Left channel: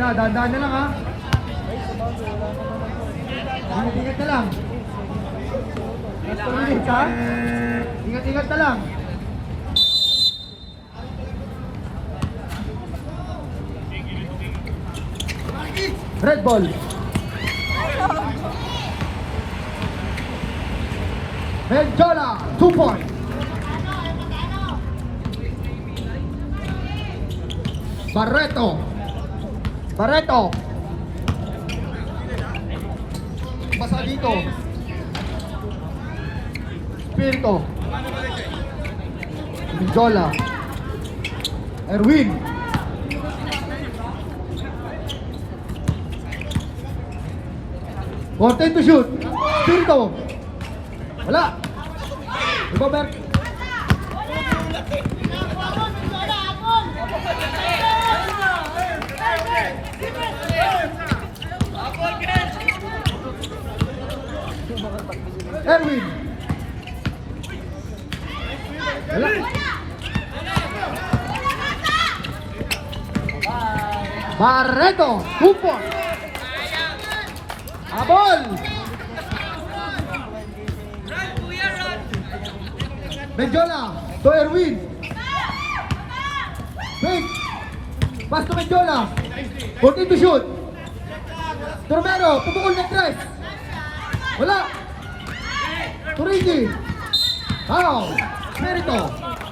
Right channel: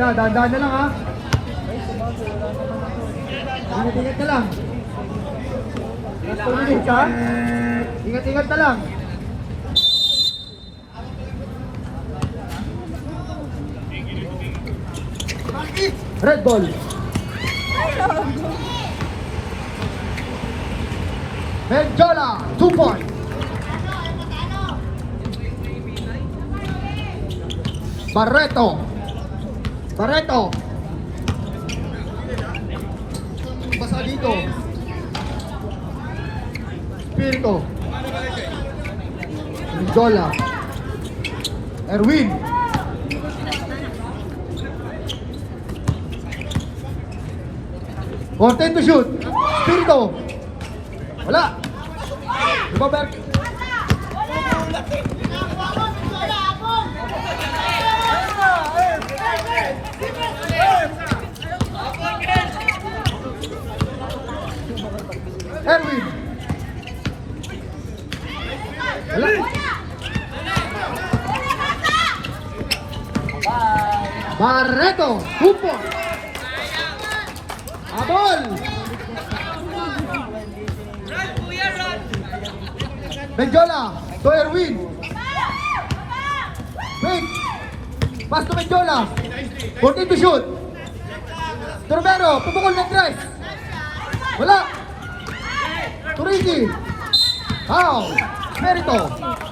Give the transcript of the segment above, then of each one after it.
na, dahan-dahan na lang ha. Ingat-ingat na lang. Last 2 minutes ha. Ingat-ingat na lang. Red ball. Merjana, 2 points. Barreto. Basa dito. Spirito. Jola. Erwin. Content to shoot. Spirito. Wala. Ikaw, Bert. Erwin. Barreto. 2 points. Abol. Benjola to Erwin. Wait. Pass to Benjola. Content to shoot. Turbero, pupukol ng tres. Wala. Turigi. Foul. Merito.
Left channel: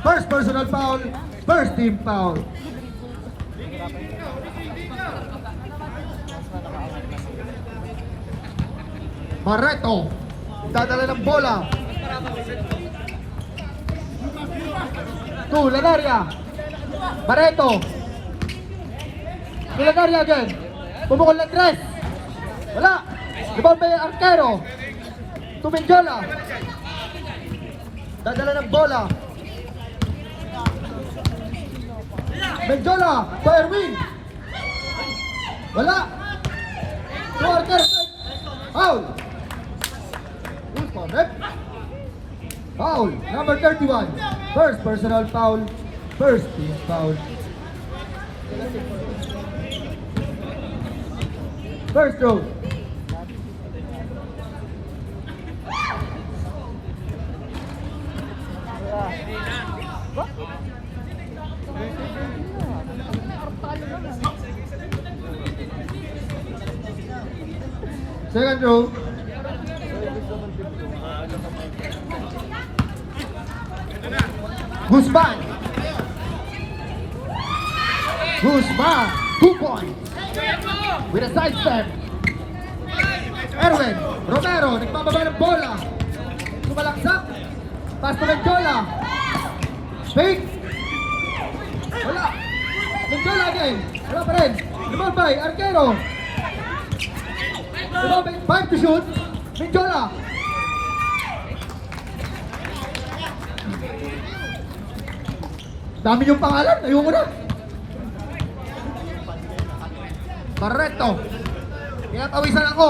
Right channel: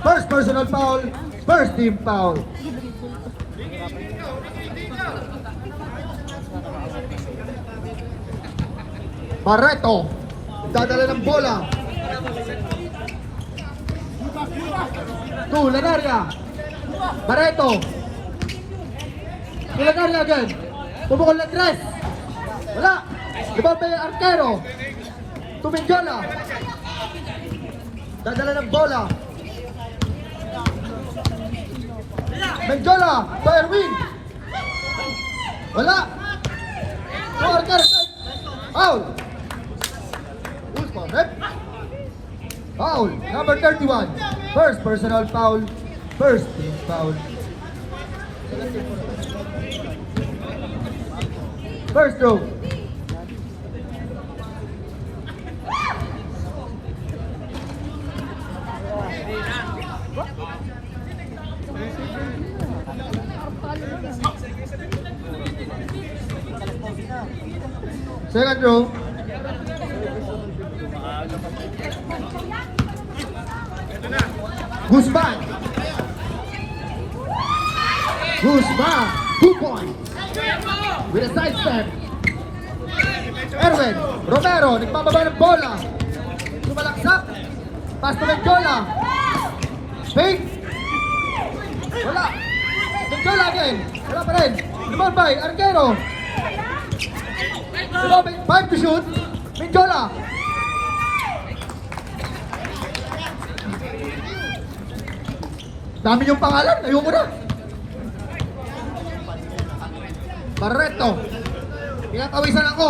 First personal foul. First team foul. Barreto. Dadala ng bola. Lanaria. Barreto. Lanaria again. Pumukol ng tres. Wala. Ibang pa yung arkero. Tumingjola. Dadala ng bola. Benjola. To Erwin. Wala. Foul. Foul. Number 31. First personal foul. First team foul. First throw. Second throw. Guzman. 2 points. With a side step. Erwin. Romero. Nagpapaba ng bola. Lumalaksak. Pass to Benjola. Fake. Wala. Benjola again. Wala pa rin. Lumabay. Arquero. 5 to shoot. Benjola. Dami yung pangalan. Ayoko na. Barreto. Pinatawisan ako.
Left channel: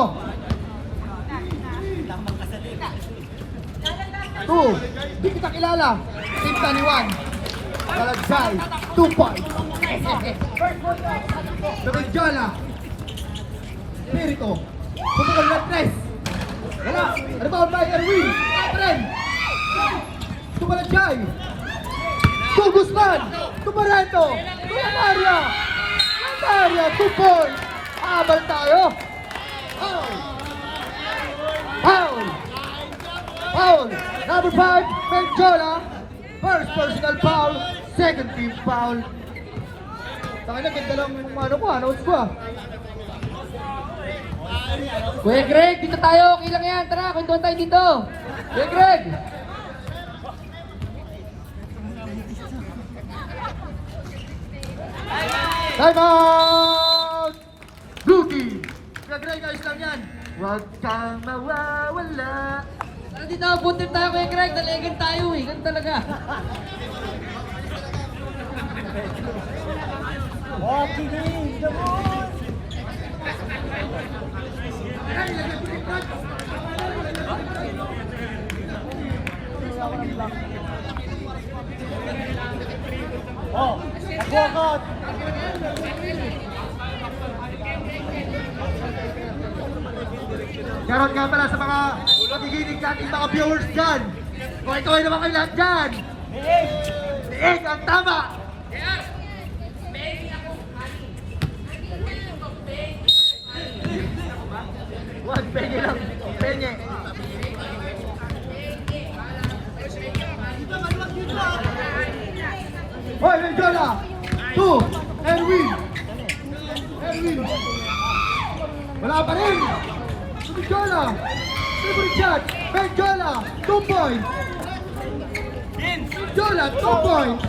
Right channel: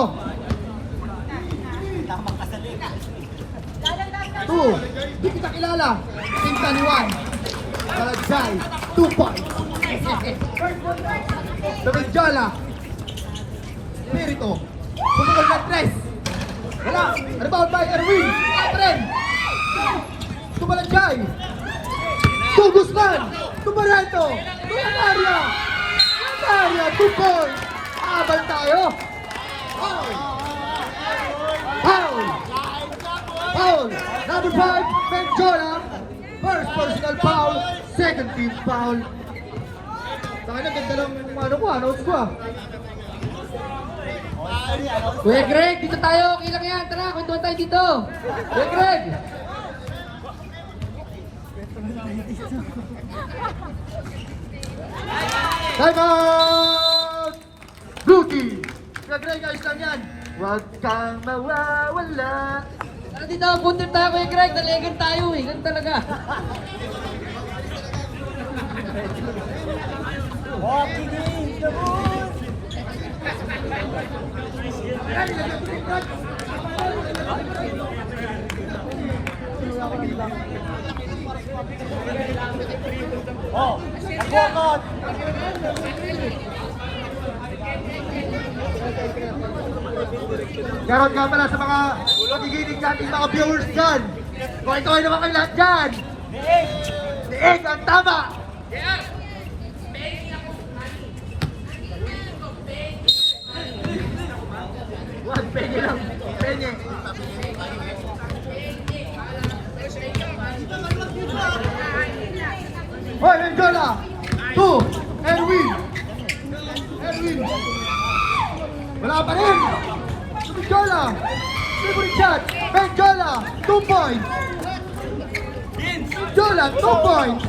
2. Di kita kilala. Pinta ni Juan. Balagsay. 2 points. Benjola. Spirito. Pagkakas ng press. Wala. Rebound by Erwin. Atren. Tumalagay. To Guzman. To Barreto. To Lanaria. Lanaria. 2 points. Abang tayo. Foul. Foul. Foul. Number 5. Benjola. First personal foul. Second team foul. Saka na ganda lang notes ko ah. Kuya Greg, dito tayo. Okay lang yan. Tara, kwentuhan tayo dito. Kuya Greg. Time out! Blue team. Kuya Greg, ayos lang yan. Huwag kang mawawala. Tara dito, puntin tayo Kuya Greg. Daligan tayo eh. Ganun talaga. Shoutout nga pala sa mga magiginig nating mga viewers dyan. Kaway-kaway naman kayo lahat dyan. Liig ang tama. Penye lang. Penye. Hoy, Mendiola! 2, Erwin! Wala pa rin! Mendiola! Super chat! Mendiola! 2 points! Mendiola! 2 points!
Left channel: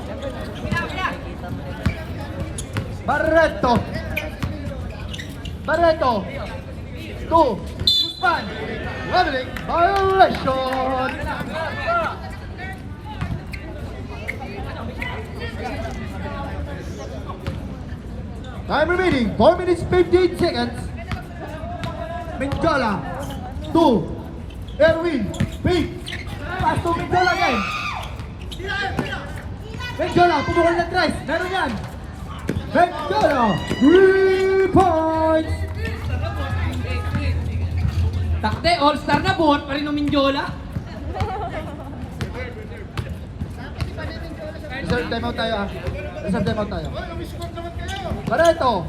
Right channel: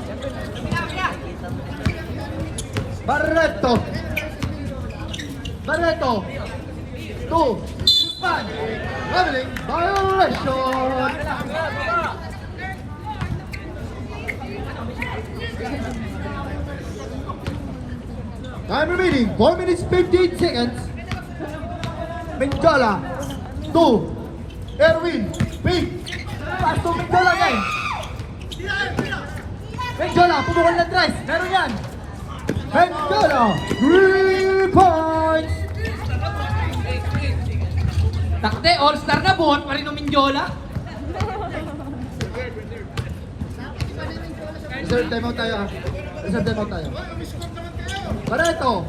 Barreto! Barreto! 2! Span! Leveling! Violation! Time remaining, 4 minutes 58 seconds. Mendiola, 2. Erwin, big. Mendiola again. Mendiola, punukan ng 3. Meron yan. Mendiola, 3 points. Takte, all-star na buwan pa rin ng Mindiola. Reserve timeout tayo ha. Reserve timeout tayo. Barreto,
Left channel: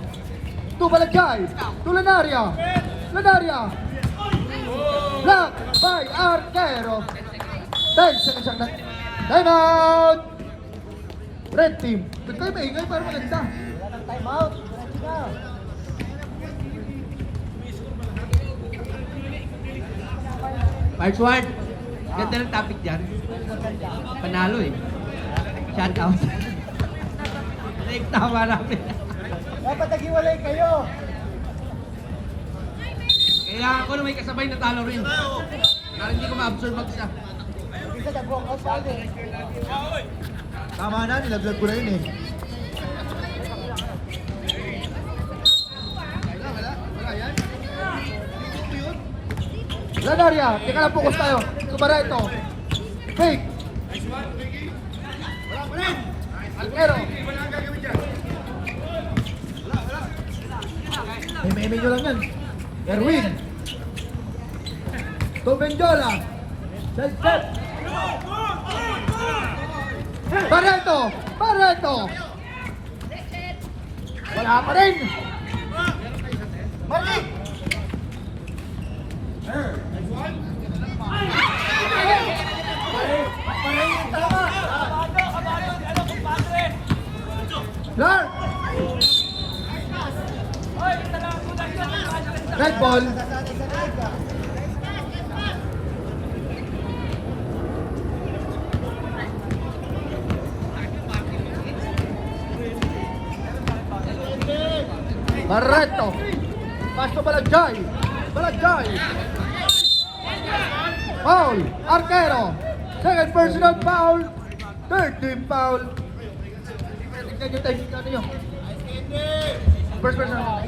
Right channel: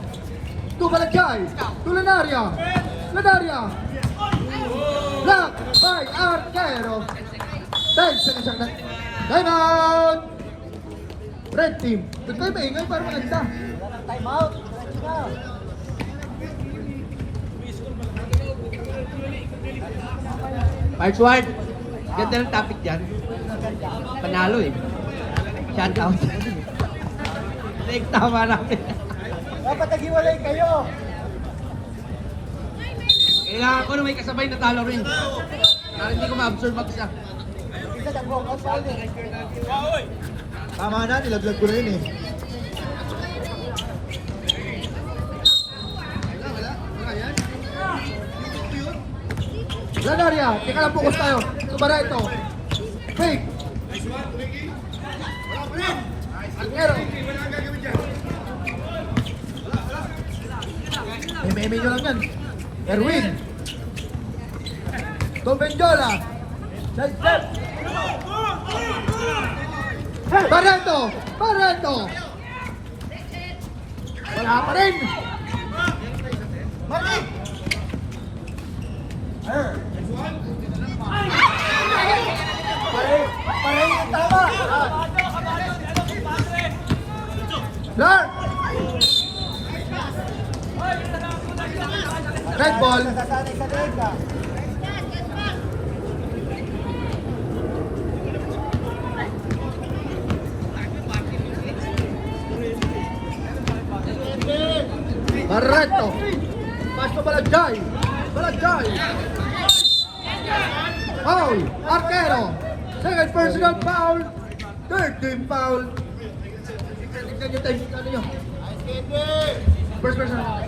2 Balagay, 2 Lanaria, Lanaria, block by Arquero. 10 seconds ang timeout. Red team, ba't kayo maingay para maganda? Parks Ward, ganda ng topic dyan. Panalo eh. Shout out. Like, tama namin. Kailangan ko na may kasabay na talo rin. Para hindi ko ma-absorb mag-isa. Tama na, nilaglag ko na yun eh. Lanaria, teka lang, focus tayo. Barreto, fake. Alquero. May nyo lang yan. Erwin. Mendiola. Barreto! Barreto! Wala pa rin! Malik! Tama! Clark! Red ball! Barreto! Pass to Balagay! Balagay! Foul! Arquero! Second personal foul! Third team foul! Tignan nyo tayo ano nyo. First personal.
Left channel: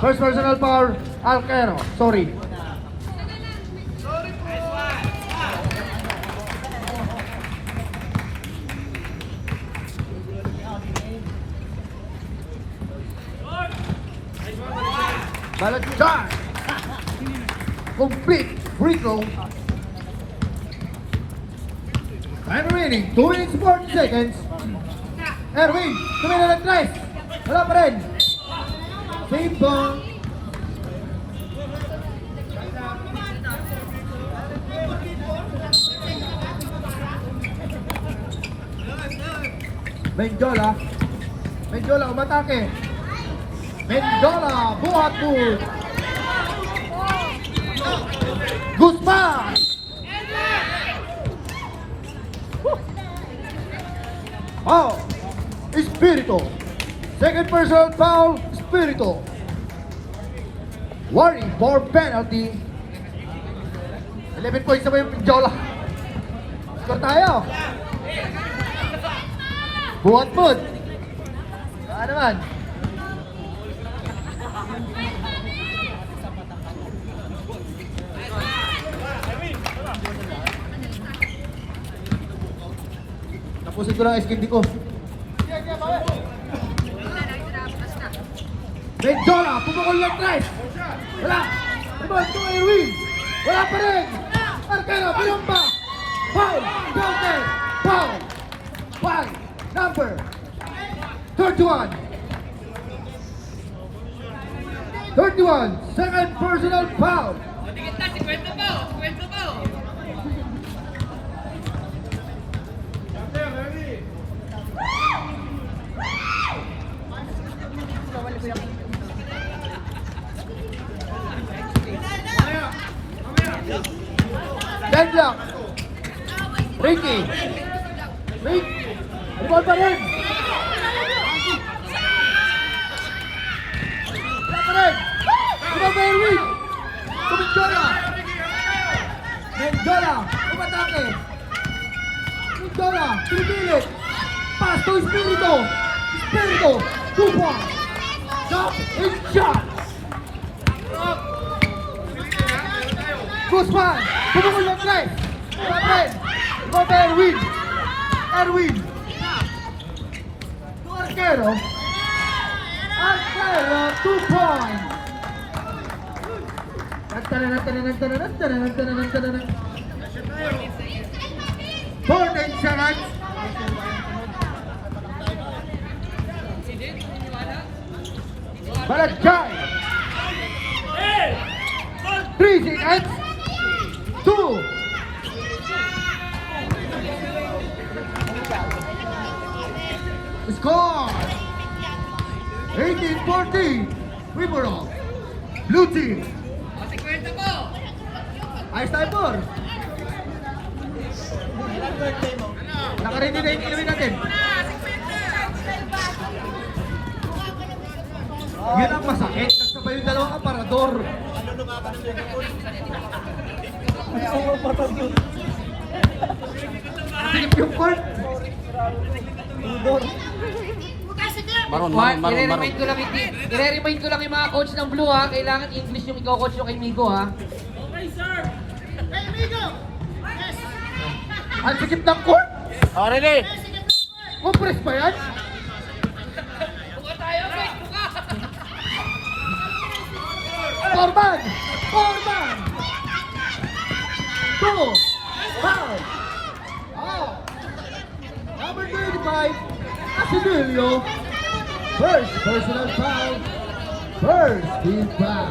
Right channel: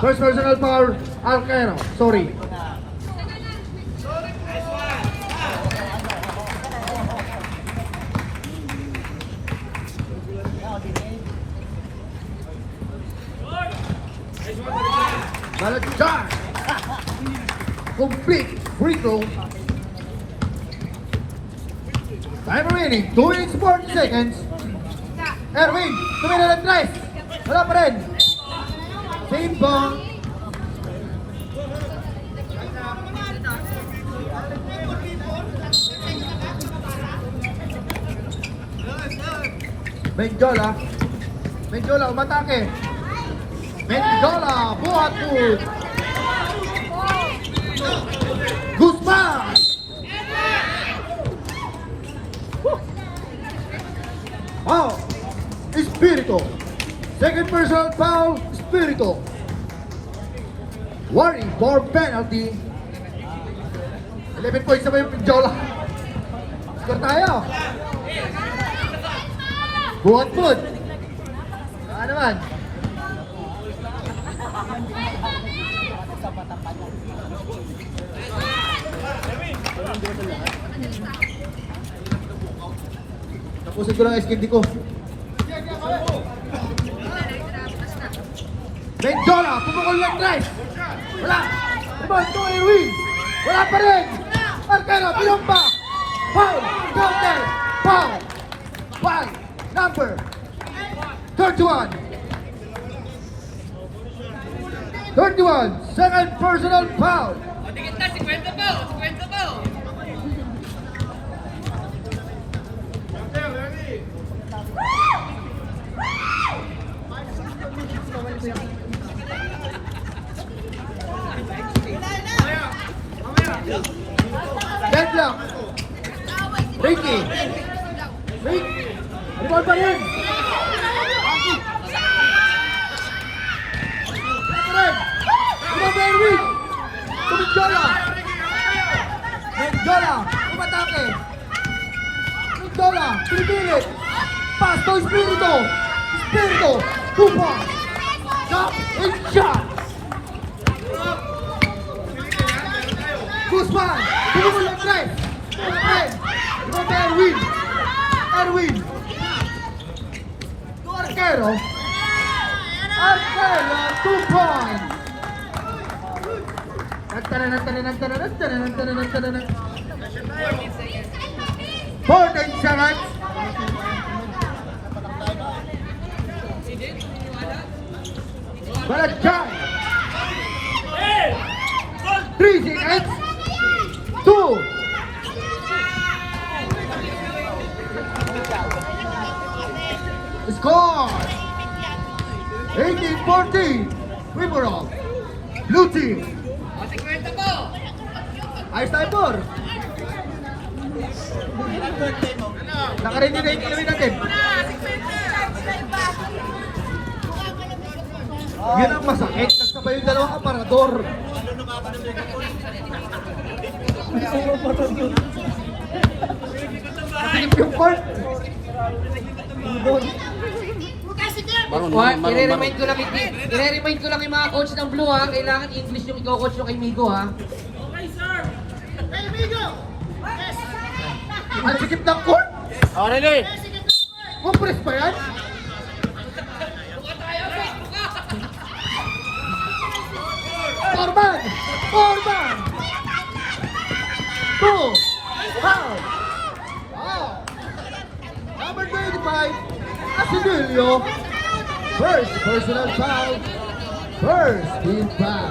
First personal foul, Arquero. Sorry. Balagay! Complete free throw. Time remaining, 2 minutes 40 seconds. Erwin, tumingin ng 3. Wala pa rin. Ping pong. Mendiola. Mendiola, umatake. Mendiola, bumatut. Guzman! Foul! Espirito! Second personal foul, Espirito! Warning for penalty. 11 points na ba yung Mendiola? Score tayo! Buhat foot! Saan naman? Tapusin ko lang SKD ko. Menjola, tumulong yung tres. Wala. Tumal, Tony Win. Wala pa rin. Marcelo, ilang pa. Foul. Foul. Foul. Foul. Number 31. 31. Second personal foul. Gendlock. Ricky. Ricky. Ano pa rin? Wala pa rin. Ano ba yung win? Menjola. Menjola. Tumatake. Menjola. Pinipilit. Pasto Espiritu. Espiritu. Kupa. Hit shot. Guzman. Tumulong yung tres. Tumatake. Ano ba Erwin? Erwin. Arquero. Arquero. 2 points. 14 seconds. Balagay. 3 seconds. 2. Score. 18-14. Wimorov. Blue team. Ayos tayo, Por. Nakaready na yung ilawin natin. Yun ang masakit. Nagsabay yung dalawang aparador. Masikip yung court. I-remind ko lang yung mga coach ng Blue ha. Kailangan English yung ikaw coach yung kay Migo ha. Ang sikip ng court. Compress pa yan? Orban! Orban! 2! Foul! Number 35, Asilio. First personal foul. First team foul.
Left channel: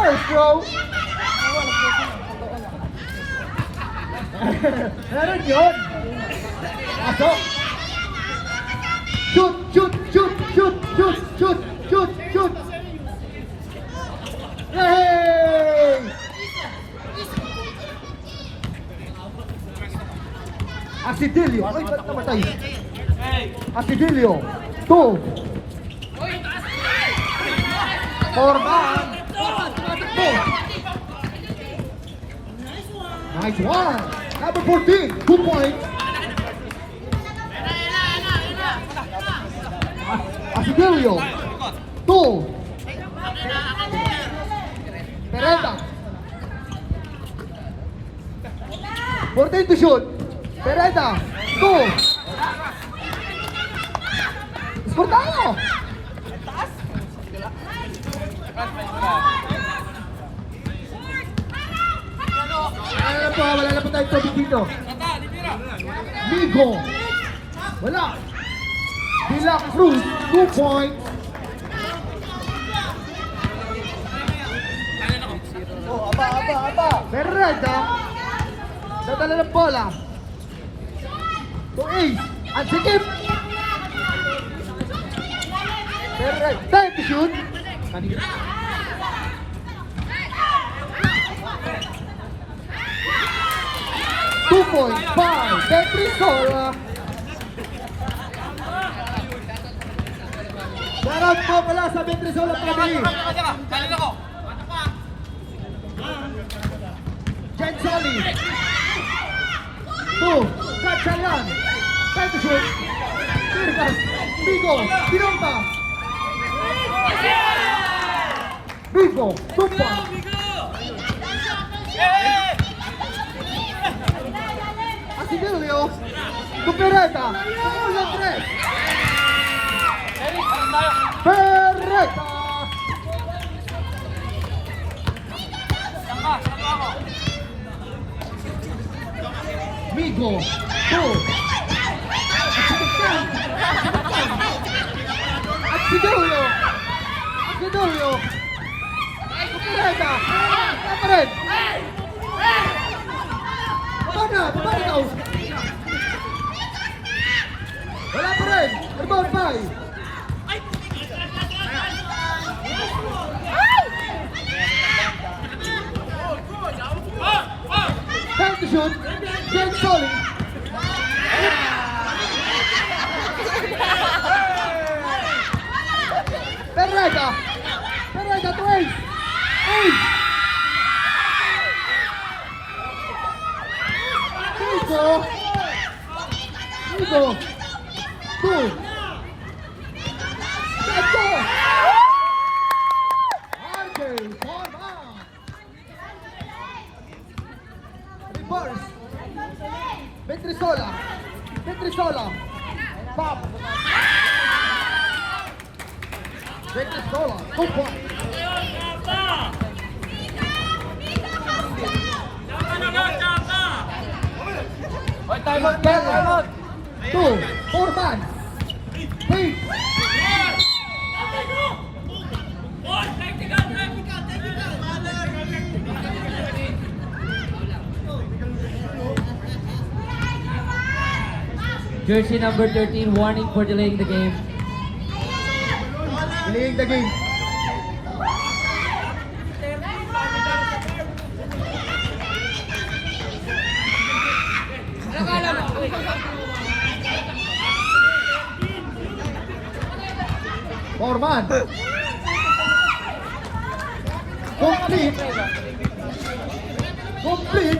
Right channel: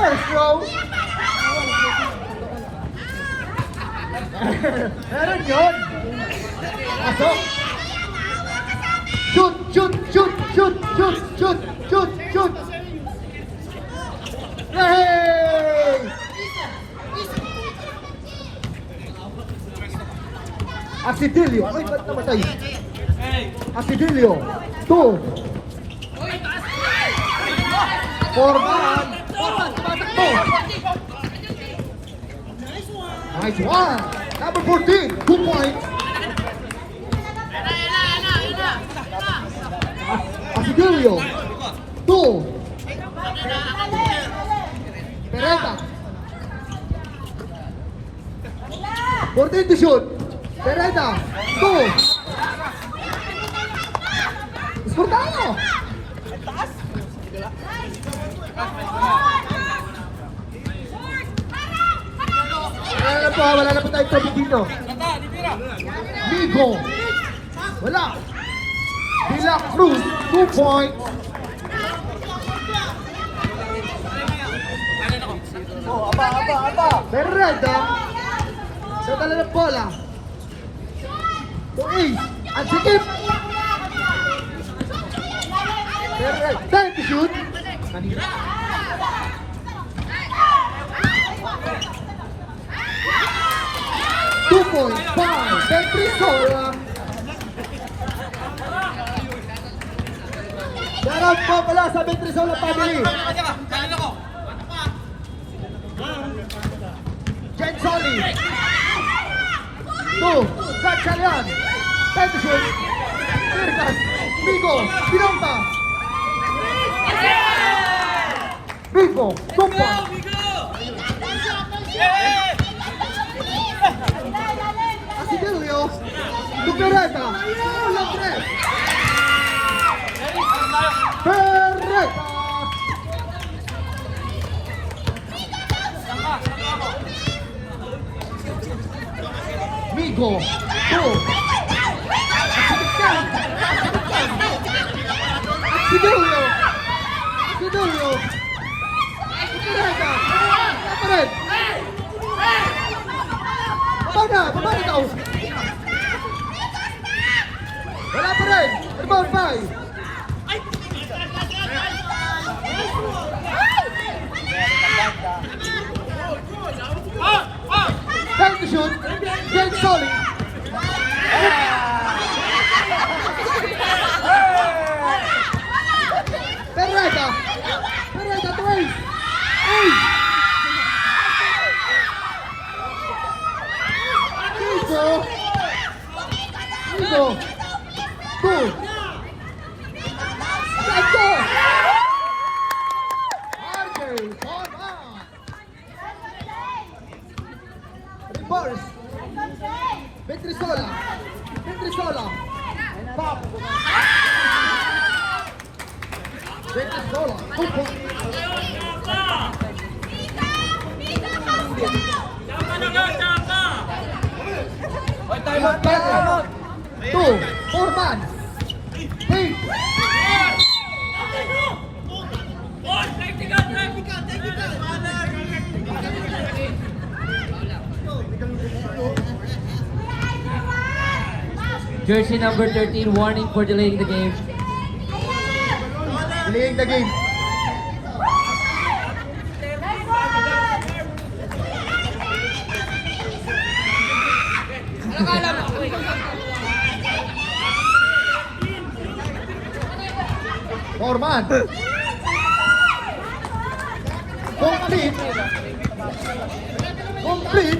First row. Meron yun. Pasok. Shoot, shoot, shoot, shoot, shoot, shoot, shoot, shoot. Yay! Asidilio. Ay, ba't namatay? Asidilio. 2. Orban. Orban, tumatakbo. Nice one. Number 14. 2 points. Asidilio. 2. Pereta. 14 to shoot. Pereta. 2. Score tayo. Wala na po tayo trophy dito. Migo. Wala. Villa Cruz, 2 points. Perreda. Sa tala ng bola. To Ace. At sikip. Perreda. Time to shoot. Manira. Petrisola. Meron po pala sa Petrisola family. Jen Sally. 2. Gatchayan. Petrisola. Migo. Ginanta. Migo. Kumpa. Basilio. Cupereta. Wala tres. Perreta. Migo. Two. Asidilio. Asidilio. Cupereta. Cupereta. Baba na daw. Wala pa rin. Rebound by. Time to shoot. James Solly. Perreta. Perreta to ace. Ace. Nico. Nico. Two. Reverse. Petrisola. Petrisola. Pop. Petrisola. Opo. Time out, time out. Two. Four man. Three. Jersey number 13, warning for delaying the game. Delaying the game. Orman. Complete. Complete.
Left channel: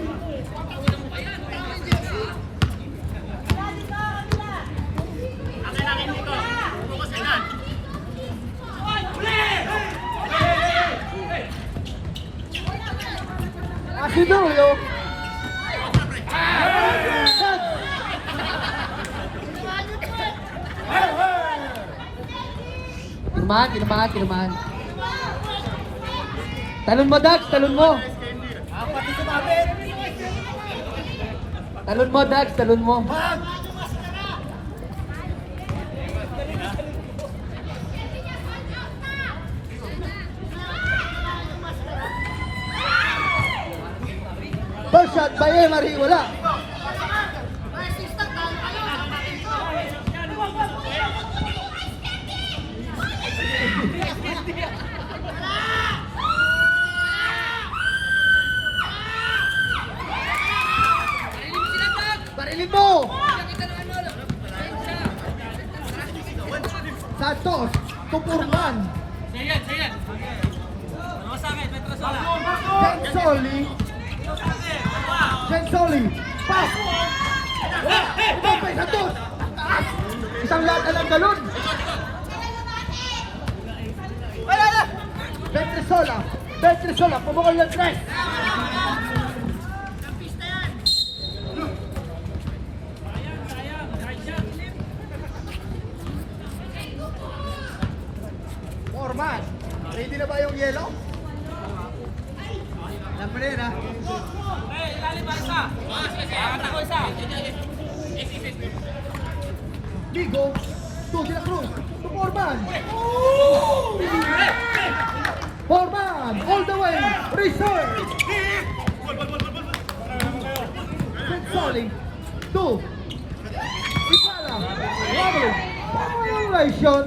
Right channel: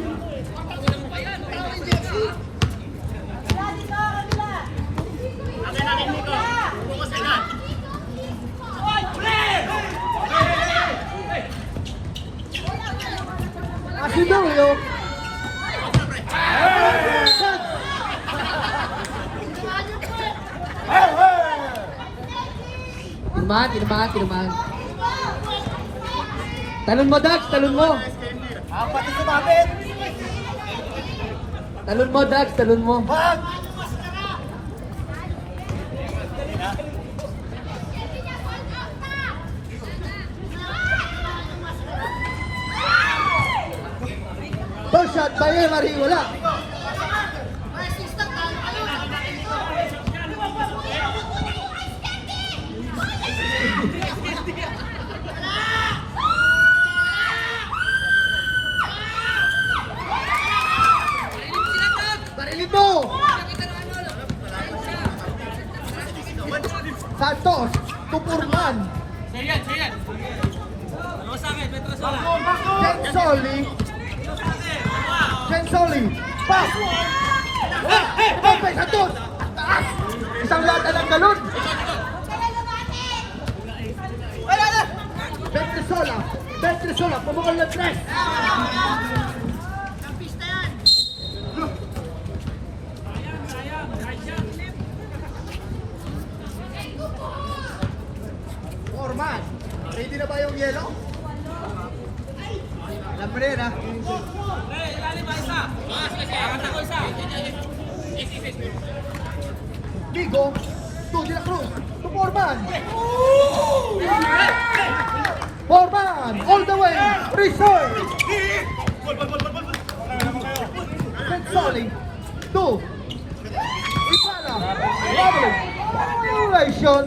Asidulio. Tinumahan. Talon mo, Dax, talon mo. Talon mo, Dax, talon mo. First shot by Ellery, wala. Barilito! Santos, tupunan. Sayan. Dalawa sa akin, Petro Sala. Sorry. Dalawa sa akin, dalawa. Sorry. Pass! Hey! Open! Santos! Isang yata ang galon! Wala na! Petrisola, pumukal ng tres! Normal! Ready na ba yung yellow? Alam mo rin ha? Ligo! To the cross! To Forman! Forman! All the way! Reserve! Sally! Two! Violation!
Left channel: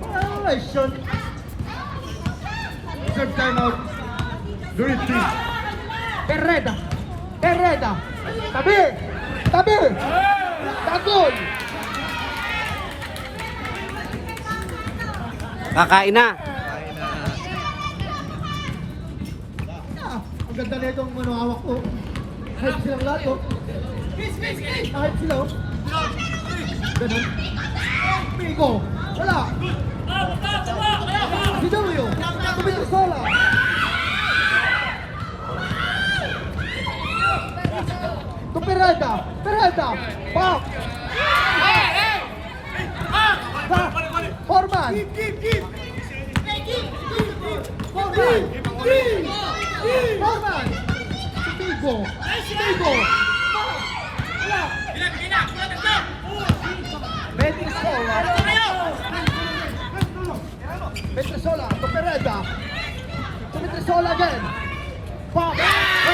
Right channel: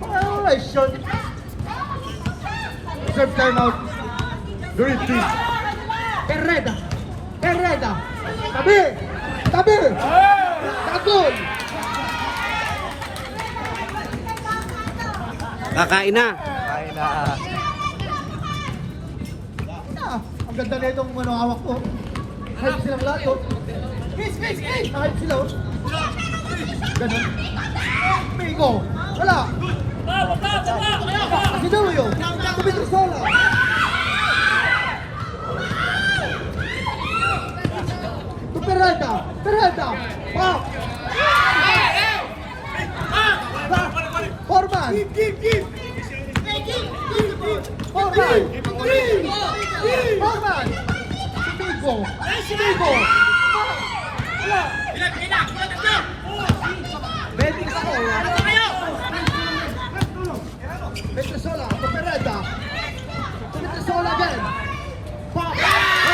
Violation! Serve timeout! Do it, please! Perreta! Tabi! Tagol! Kakain na. Ang ganda na itong hawak ko. Harap silang lahat ko. Harap sila. Ganda. Pigo. Wala. Gidoyo. Petrisola. Peralta. Peralta. Pop. Pop. Forman. Forman. Forman. Tigo. Tigo. Venezuela. Venezuela. Peralta. Venezuela again. Pop. Venezuela.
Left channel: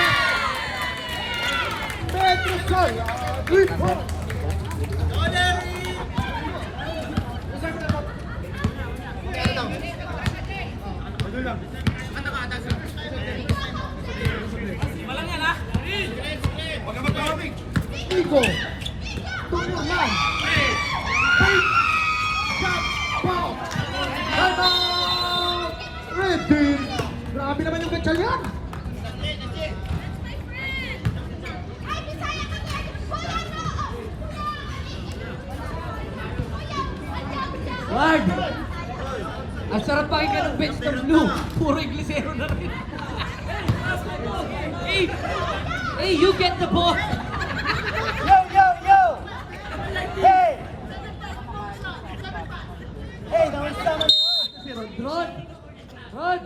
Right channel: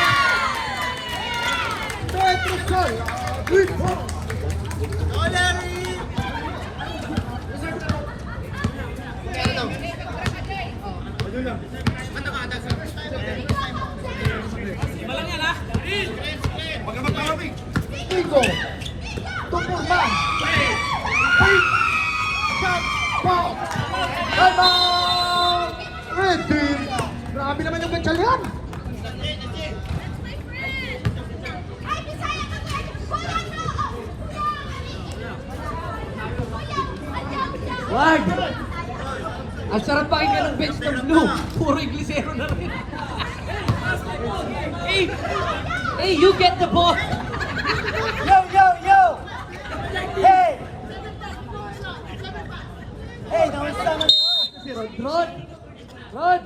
Malang yan, ha? Huwag ka magpapabig. Tigo. Tumurman. Ready. Grabe naman ang mental yan. Ward! Ang sarap pakinggan ng bench ng blue. Puro Iglisero na rin. Hey! Hey, you get the ball! Si Rod. Rod! Rod!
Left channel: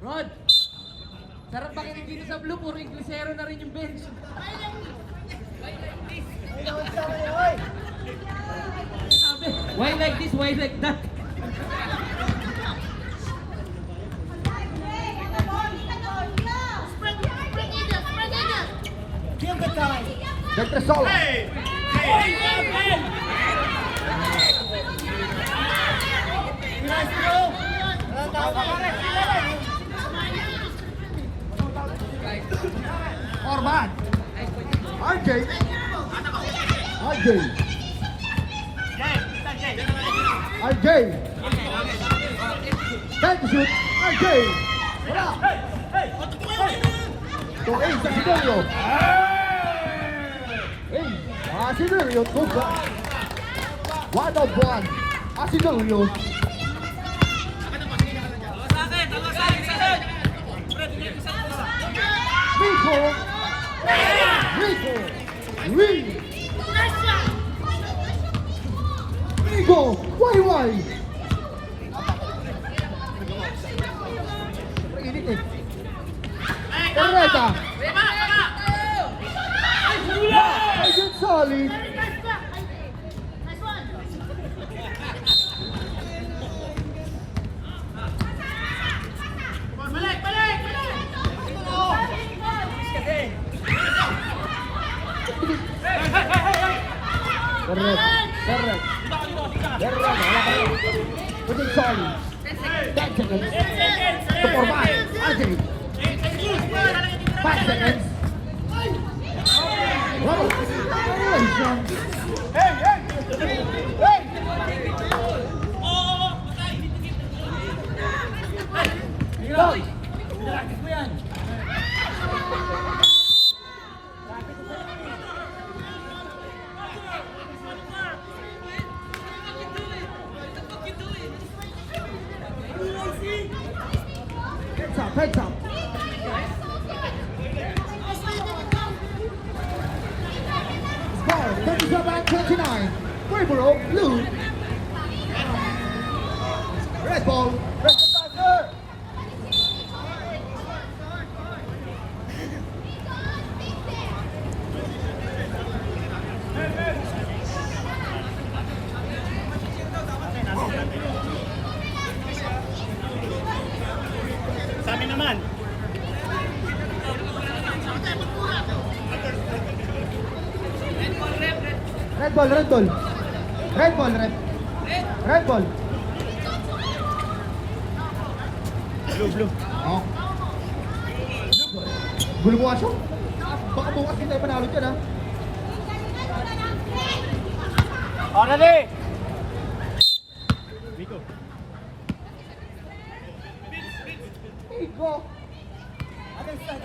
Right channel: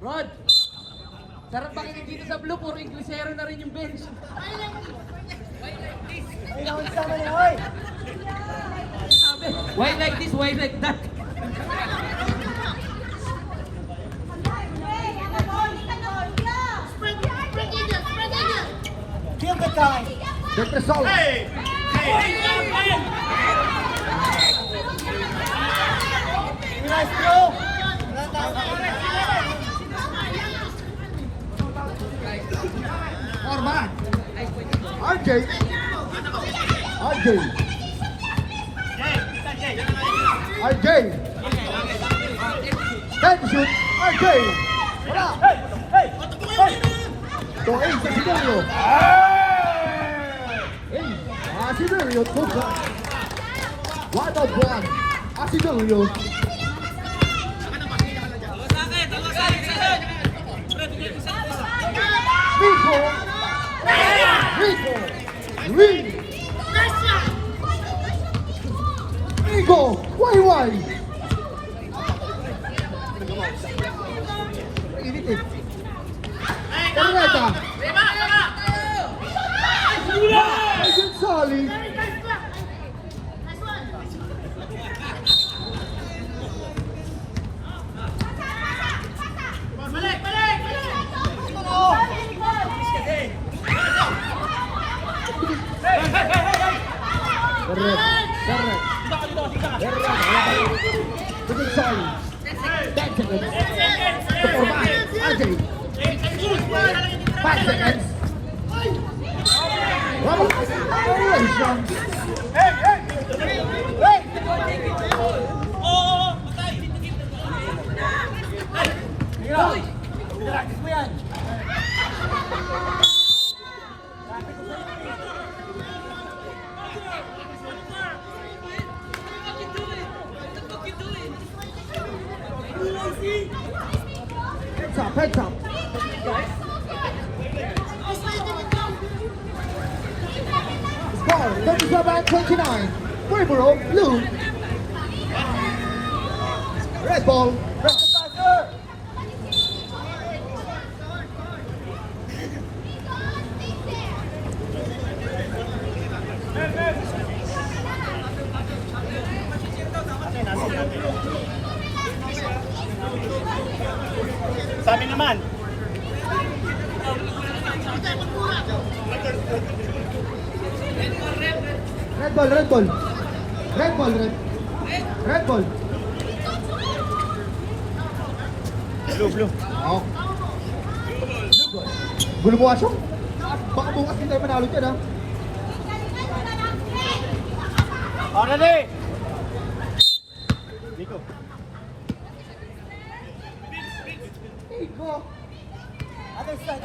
Rod! Sarap pakinggan dito sa blue. Puro Iglisero na rin yung bench. Why like this? Why like that? Give the time. Venezuela. Forman. RJ. RJ. RJ. Benson. RJ. To A sa Sidorio. Sidorio pusa. One of one. Sidorio. Dalawa sa akin, sir. Fred, bigyan ko sa bola. Rico. Rico. Rico. Rico. Why? Init eh. Peralta. Ayun, solid. Correct. Good solid. 10 seconds. To Forman. RJ. 5 seconds. Heads up. Score 37-29. Marlboro blue. Red ball. Sabi naman. Red ball. Red ball. Blue. Oh. Blue ball. Gulo mo asyong. Baka bukas hindi tayo manalo dyan ha. Para di! Rico. Other side.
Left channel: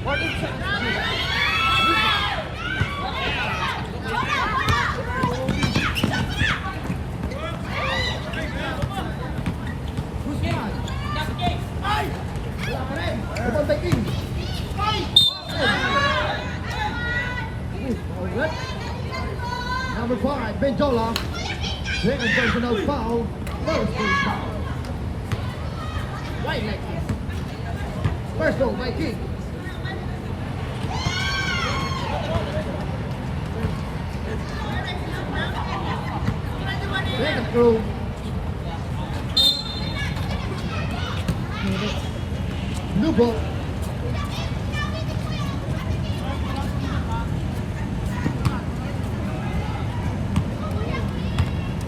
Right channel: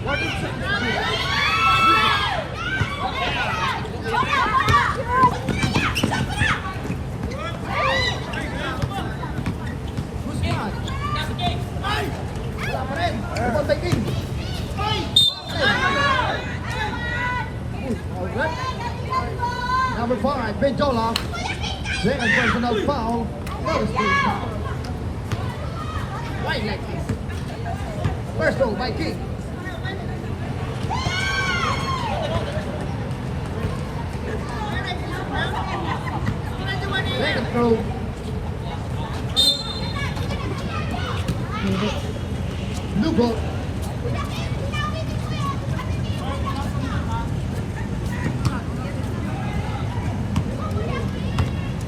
What is Rebound by King. Number 5, Benjola. With a personal foul. First goal by King. Throw. New ball.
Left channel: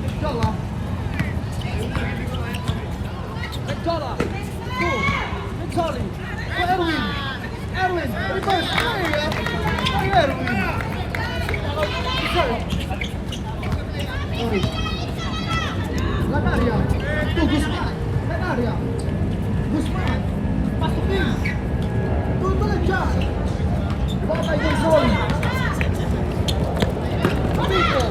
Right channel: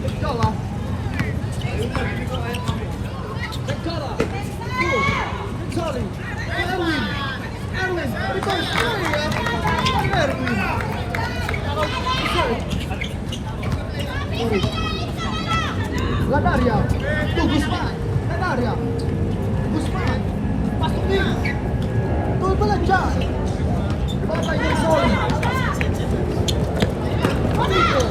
Benjola. Benjola. Two. Charlie. Erwin. Erwin. Rebound. Erwin. Sorry. Ladaria. To Guzman. Ladaria. Guzman. To Johnson. Nico.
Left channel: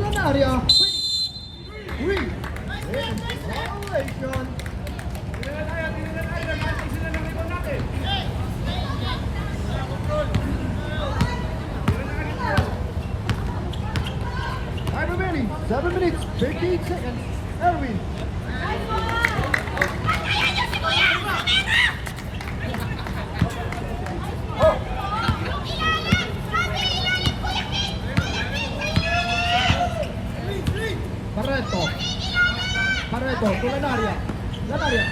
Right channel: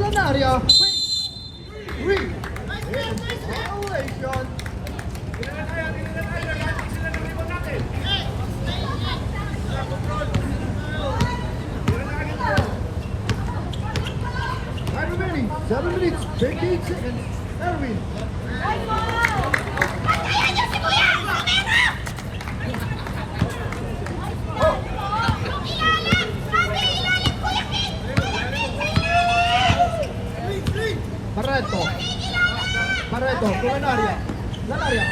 Ladaria. Ring. Time remaining. 7 minutes, 15 seconds. Erwin. Barreto. Barreto, Ladaria. Ladaria.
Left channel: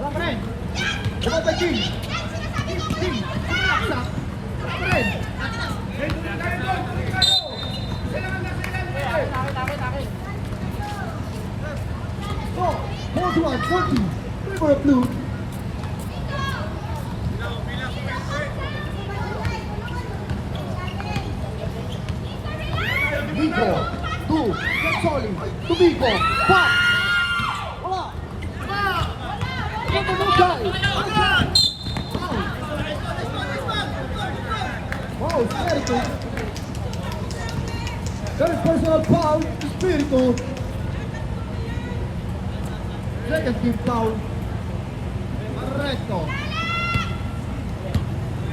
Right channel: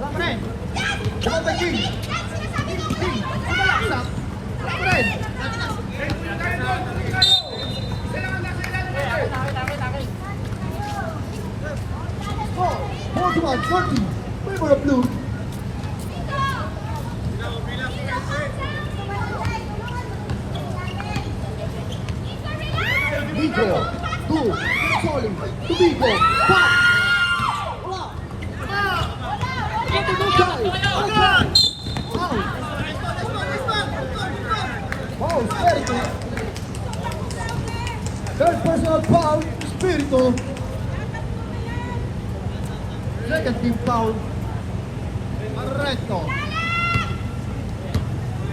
Ladaria. Ladaria. About 20. For blue. Nico. Two. Solid. To Nico. Pop. Wala. Get the good guy. Out. Oh, Espiritu. Third personal foul. Espiritu. Negative foul. Barreto.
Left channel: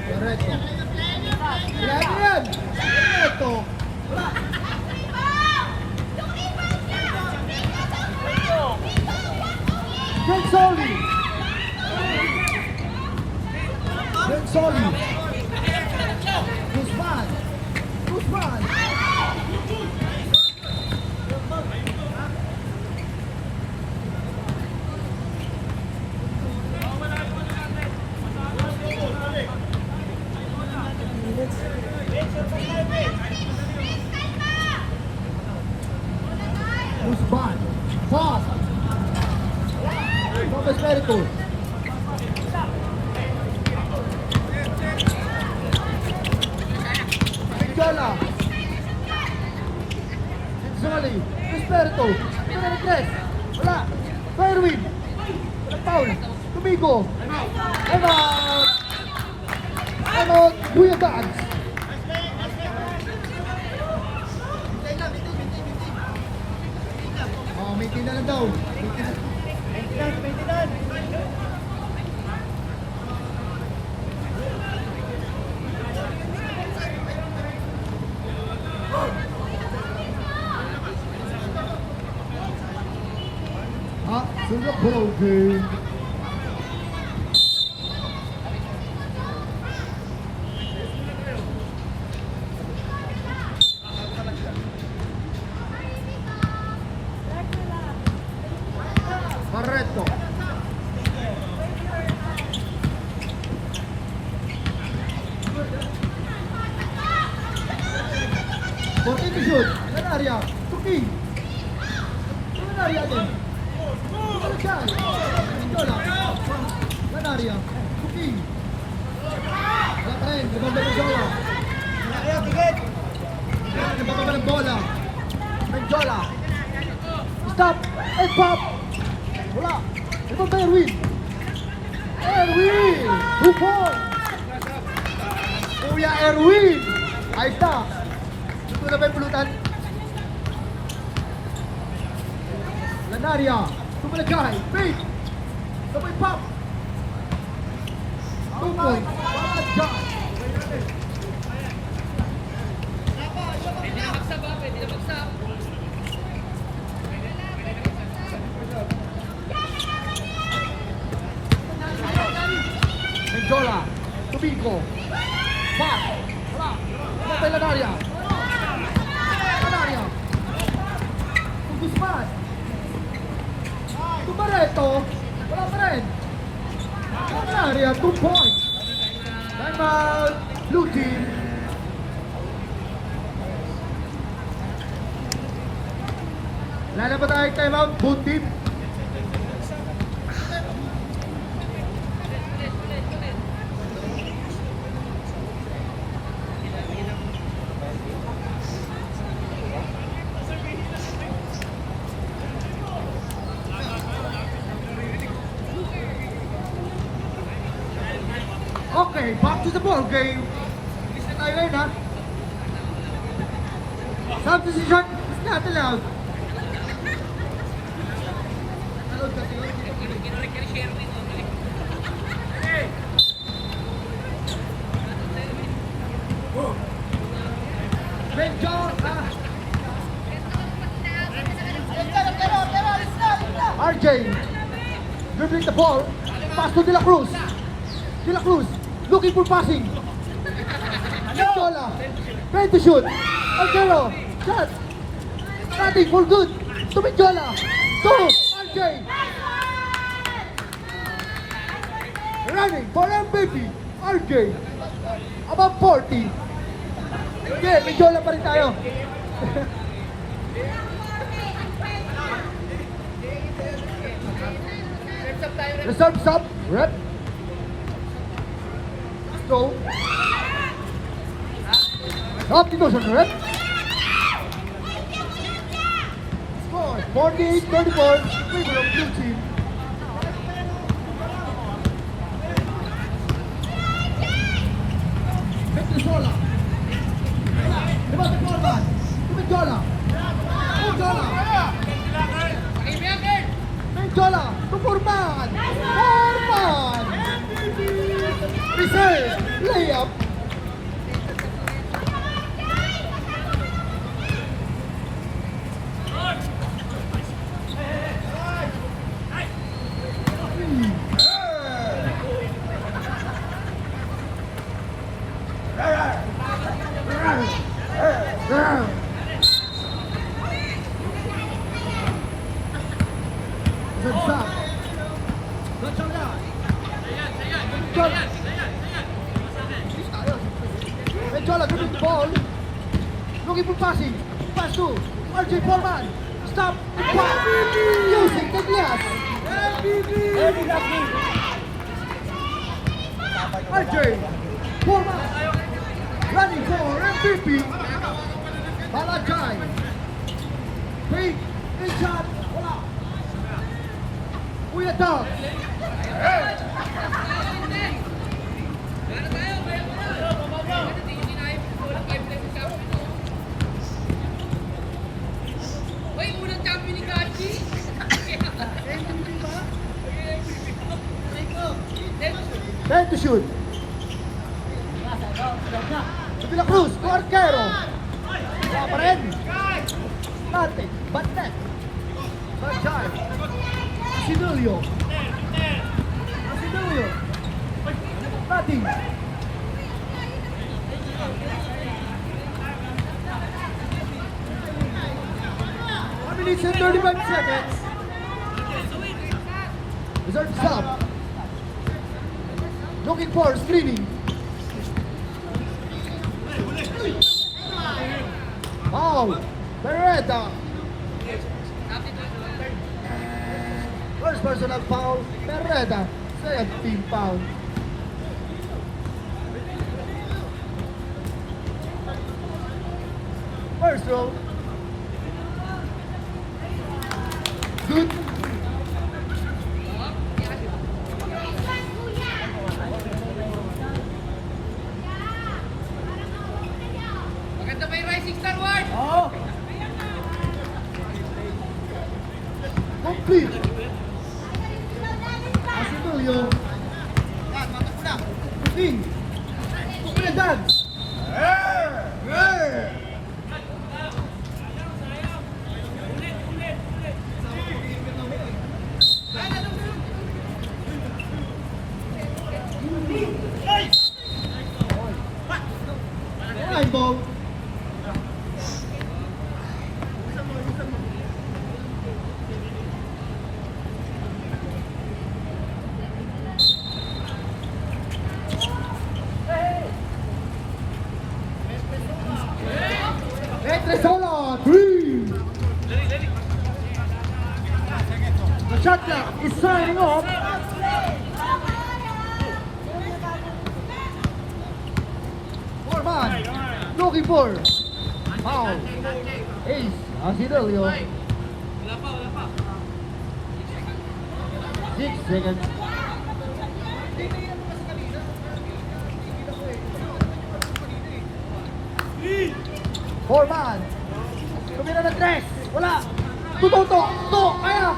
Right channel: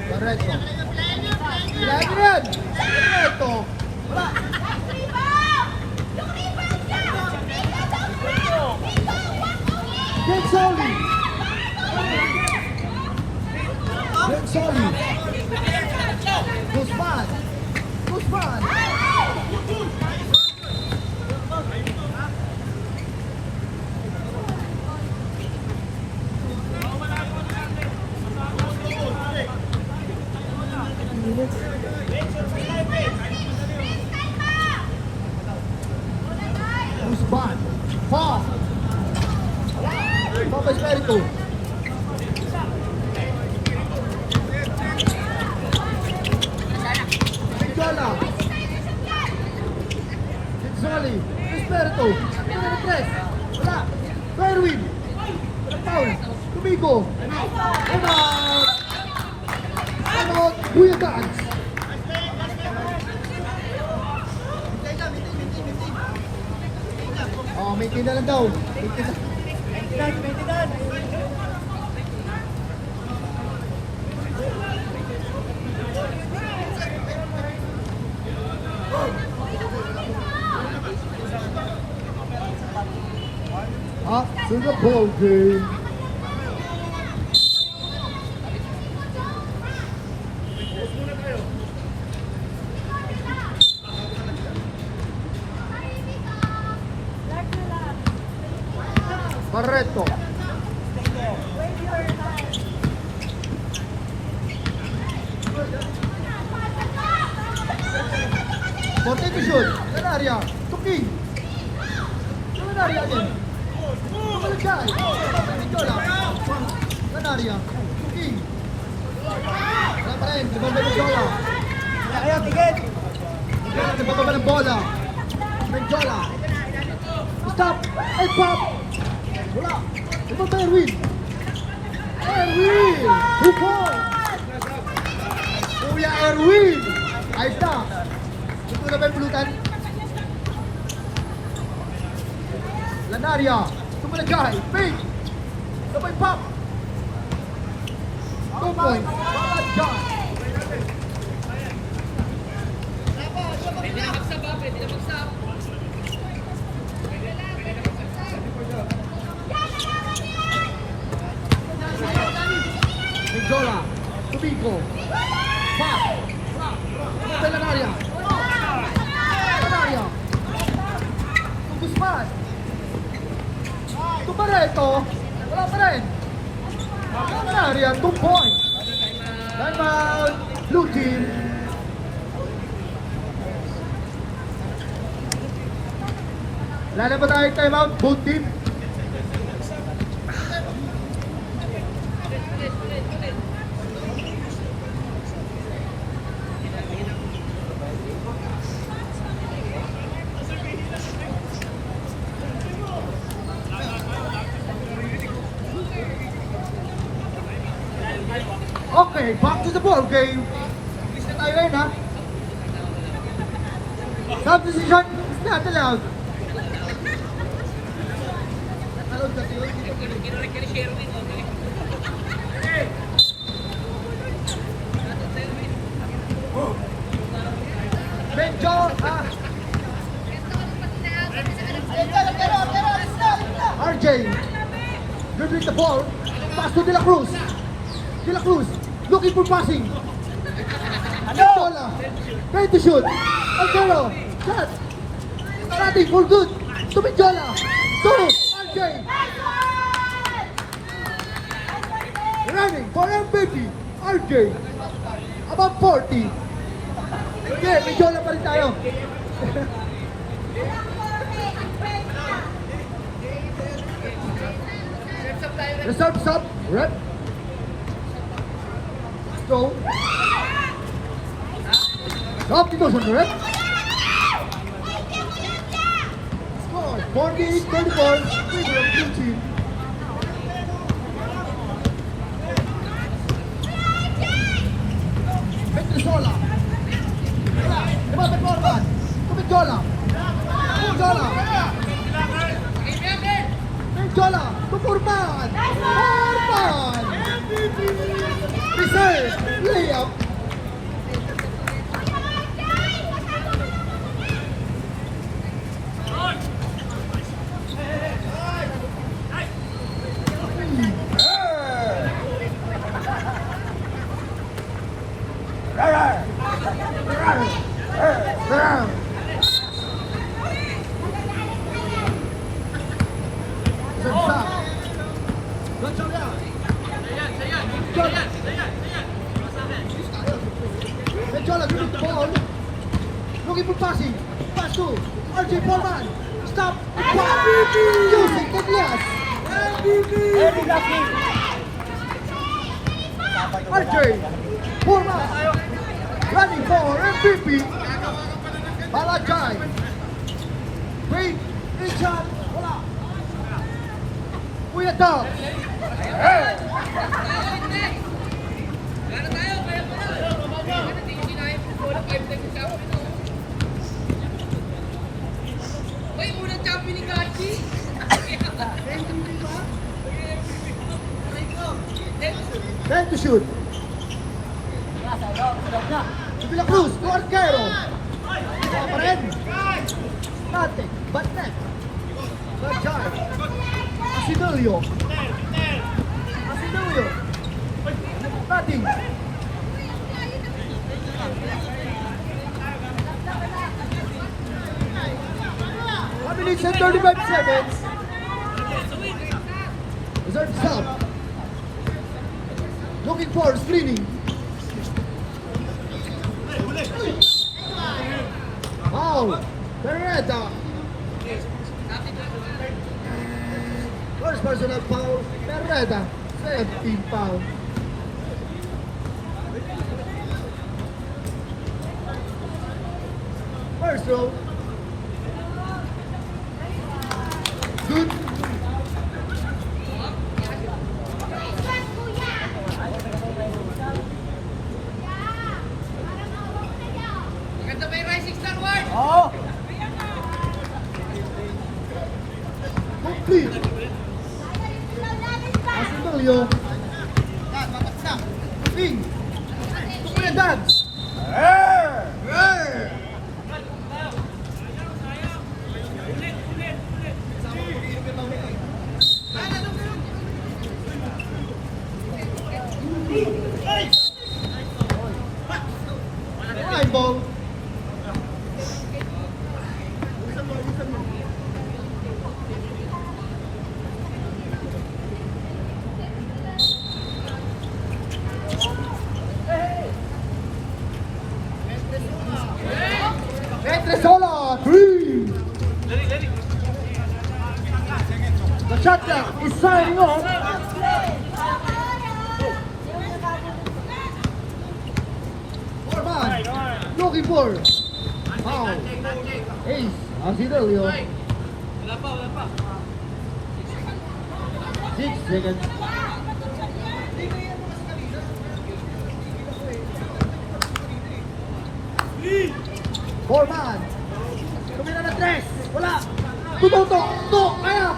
Barreto. Yan. Barreto. Benzoli. Benzoli. Guzman. Guzman. Guzman. Foul. Papa Espiritu. Benjola. Benzelli. Espiritu. Numero 3. Wala. Erwin. Foul. Tumigo. Emot. Emot. Buyagan. Oh, may tinda lang daw. May tinda. To the ball game. Barreto. Portete shoot. Ladaria. Tuking. Ladaria again. Ladaria. Tuking. Dapat ganda ng bola. Nabababa ng bola. Benjola. Stop. Ay, pop. Wala. Ito ba Erwin? Erwin! 2 points. Kuya Erwin. Ayos na. Ito na ba yung pulutan? Lanaria. Tumulagay. Pink. Sabay pop. 2 points. Pwede na magsaba, pwede na magsaba. Menjola. Tubico. Pop. Sabay Lanaria. Lanaria. Guzman. Tumareto. Lanaria. Lanaria. 2 points. Time out. Blue team. Wala na ba tayo time out? Both team. Okay, back to the ball game. English na tayo ngayon, ha? Substitution is not allowed. Allowed kasi yun. Kinorek ka ni Sherwin. Medyo, RJ, good with the ball. Pass to De La Cruz. De La Cruz, looking for passing. Menjola, ready to shoot. Alcero, shot. Cutting for good. To Menjola. Go, RJ. Running for MVP. RJ. About 40. Okay, Menjola pa rin tayo. Reserve sub, rep. Go. Optimus rep. Score 48-34. Favor of blue team. Menjola. Menjola. Menjola. Menjola. Furman. Furman. Reserve. Layup. Menjola good with the ball. Looking for passing. Pass to RJ Foreman. Stop the clock. Using the glass. RJ Foreman. Running for MVP. Malajay. Wait. Good shot. Kuya Dog. Time to shoot. De La Cruz, Arquero. Wala pa rin. Bate, Batnet. Bajay. Asinilio. Asinilio. 1 minute and 35 seconds. Reserve stop. Looking for screening. Foul. Beretta. First personal foul. Beretta. Second team foul. First row. Good. Julio. Yan, matakbo na. 15. Edad. Ball. Sola, 3. The shot clock is signing off. Looking for foul. Ace, Arcilio. Wala pa. 6 seconds. Four man. Tumira na 3. Wala. Tututo. To. Kaya.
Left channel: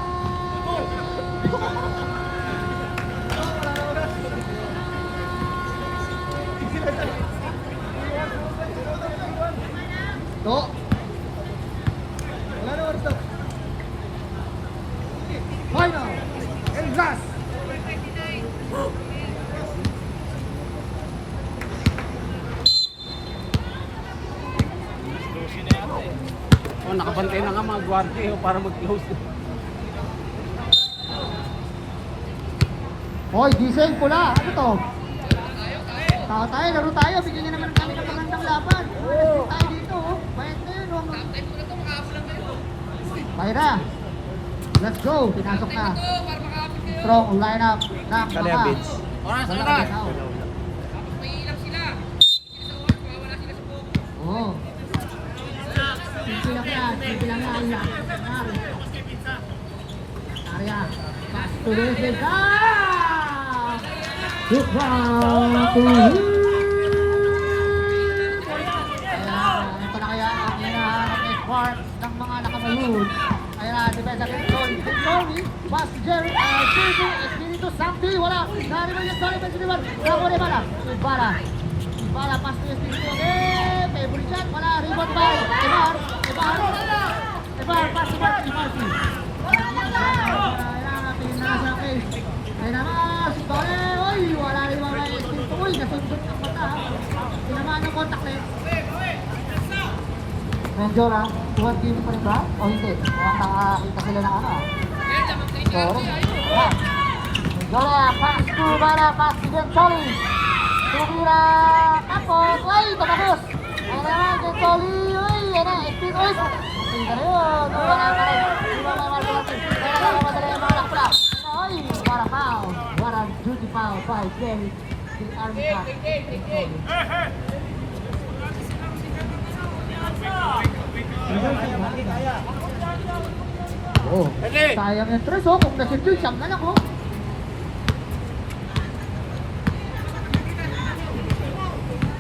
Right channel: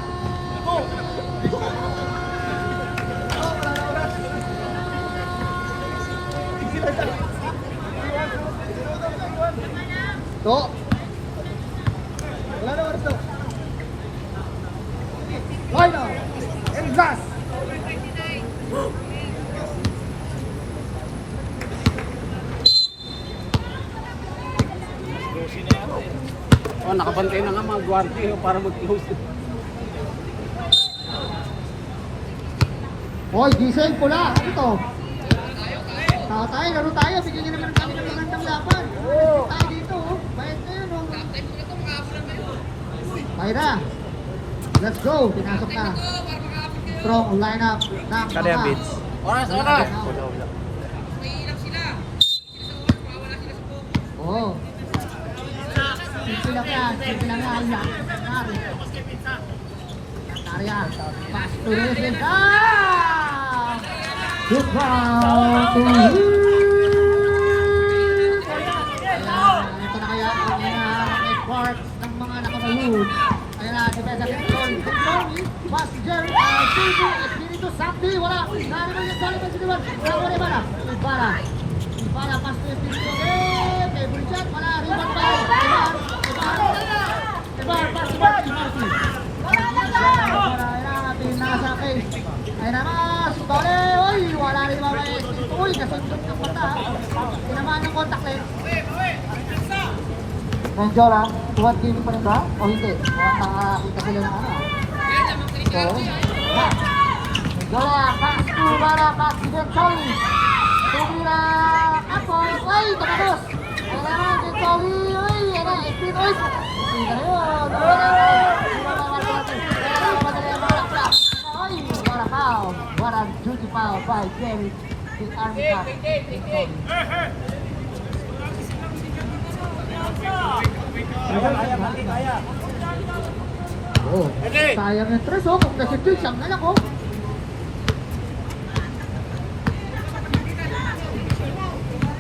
To. Wala na oras to. Final. And last. Oh, nakabantay na nga mga gwardiya para mag-close. Hoy, diesel pula. Ano to? Tao tayo, laro tayo. Bigyan naman tayo ng magandang laban. Alas tayo dito. Oh. Bayad na yun. Oh. Bayra. Let's go. Pinasok na. Strong lineup ng mga. Oras. Wala. Oo. Sige lang na. Ayan. Tuloy. Good round to him. Ayan, ito na kaya ang hinahanap na spark ng mga nakamayoon. Ayan, bigay sa Tony, Mas Jerry, Silvio, Espiritu Santi, wala. Grabe na yung balik ng siniwan. Bravo na Ibarra. Ibarra, pas to Espiritu again. Kay Bulichan, wala. Ribat pa. Ibarra, pas to Marty. Marty, ayan, pinasa case. Ayan na, si Bare, oy, wala rin mga oy, nasundot yung naman yung contact lens. Menjola, tuwad game pa rin ba? O hindi? Mukhang nakakita sila ng ano ah. So, Menjola, pass to Bara, pass to Gentoli. Tumira, tapos, oy, tabakos. Ayan na, Gentoli, oy, ayan na, Espin, oy. Espin na yun, what a foul. What a duty foul by Jamie. The army foul. Oh, sayang yung tres oh. Kung kasi two, siyam na lang oh.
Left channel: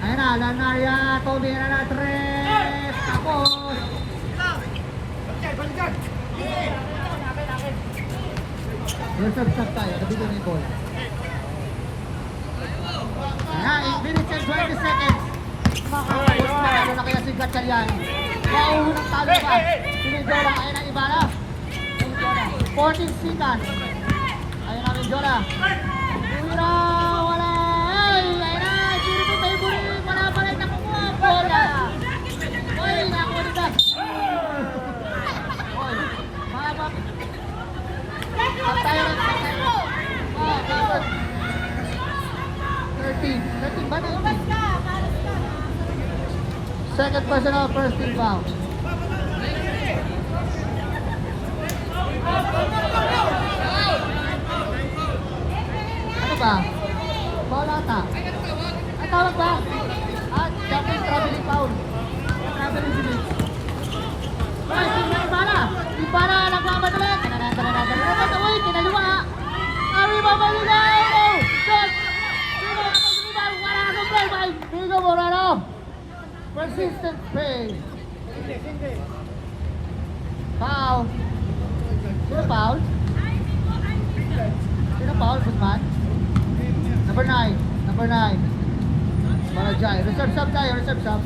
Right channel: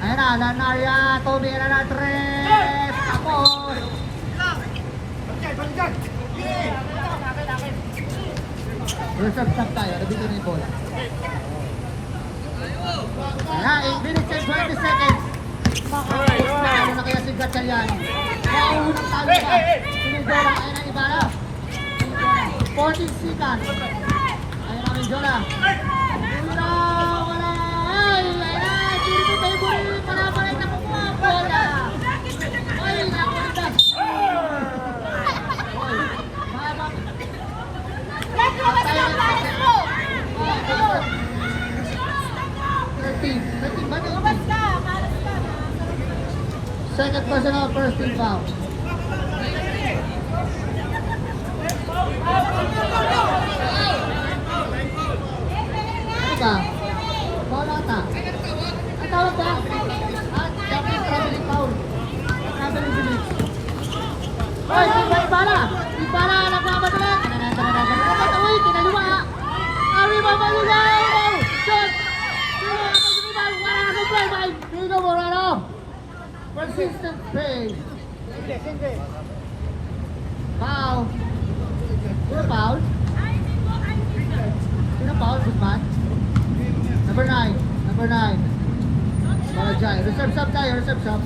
Ayan na, Lon Maria. Tumira na tres. Ako. Balikan. Reserve stop tayo, dito nito. Ayan, 8 minutes and 20 seconds. Makakapos manalo na kaya si Gatchalian. Mauunang talo pa. Sinigora, ayan ang Ibarra. 14 seconds. Ayan ang Menjola. Wala. Ay, ayan na. Suri ko tayo buri. Manabalay na kamo. Bola. Ay, ako ni Bas. Hoy, mahaba. Patay na. 13 ba 19? Second personal, first team foul. Ano ba? Foul ata. Ang tawag ba? Dapat traveling foul. Traveling village. Ay, Ibarra! Ibarra, nagmamadala! Uy, tinaliwa nga! Ari, mamalilay! Oh, shot! Diego Moreno! Persistent play! Foul! Sino foul? Sino foul? Guzman? number 9. Barajay. Reserve shot tayo, reserve shot.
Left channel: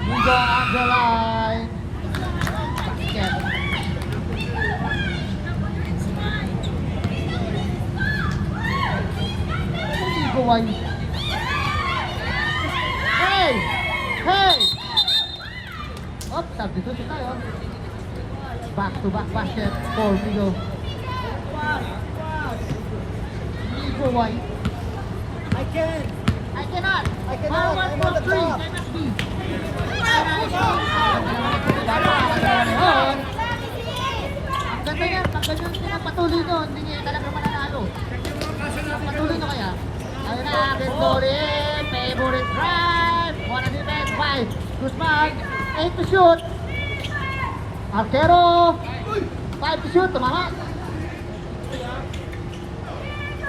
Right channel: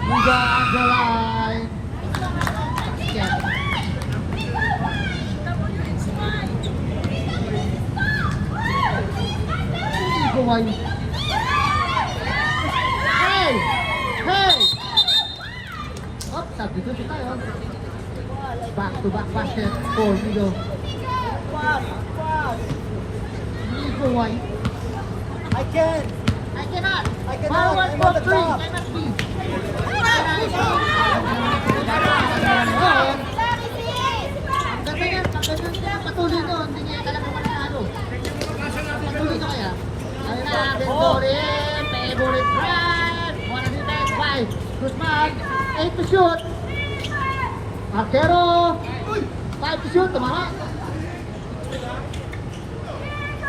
Mundo on the line. Basket. Gaway. Hey! Hey! Oh, substitute tayo. Back-to-back basket for Migo. Migo White. I cannot. Forward from 3. Ang ganda yan. Patuloy to. Hindi niya talaga mananalo. Patuloy to kaya. Ayun na, favorite. Favorite drive. 105. Good man. 8 to shoot. Artero. 5 to shoot. Tumara.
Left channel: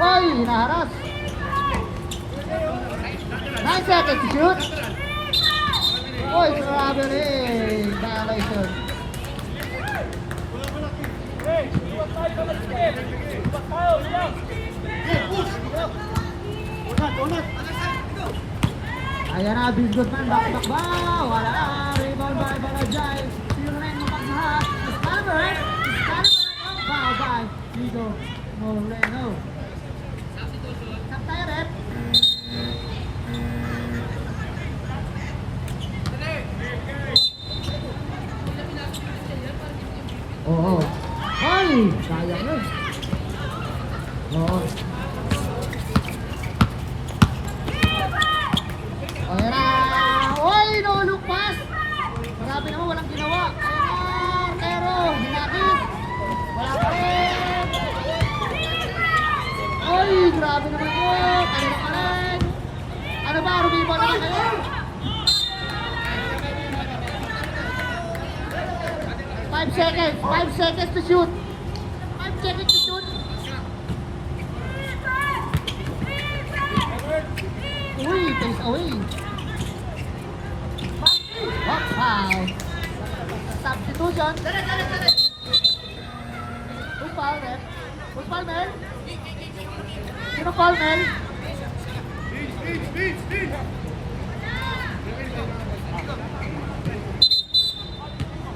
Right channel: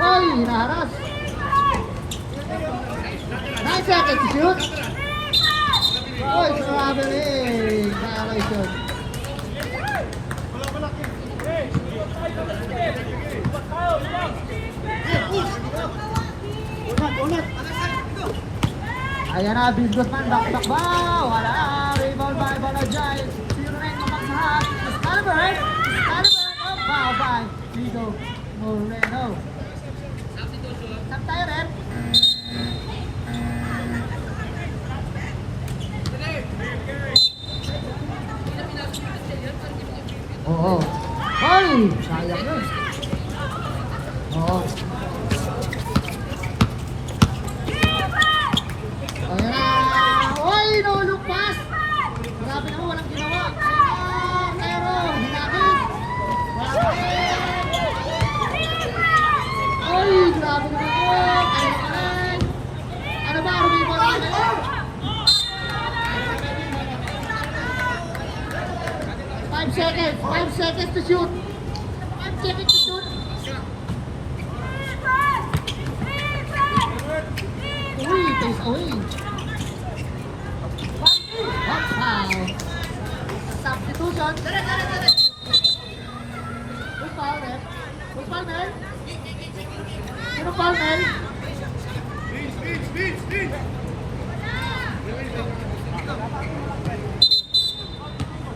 Oy, hinaharas. 9 seconds to shoot. Oy, strawberry. Violation. Ayan na, business man. Takbo. Wala na. Rebound by Barajay. Turing naman sa hat. Excalibur. Oh, foul by Migo Moreno. Saktayan eh. Oh. Ay! Sayang. Oh. Oy, nahulog pass. Grabe naman, walang ginawa. Ayan, pero hinakit. Wala pa rin. Oy, grabe naman yun. Ayun pa rin. Ano ba, rumibang na yun? 5 seconds. 5 seconds to shoot. 5 seconds to shoot. Uy, face away. Hot foul. Substitution. Who's foul, man? Who's foul, man? Sino foul, man?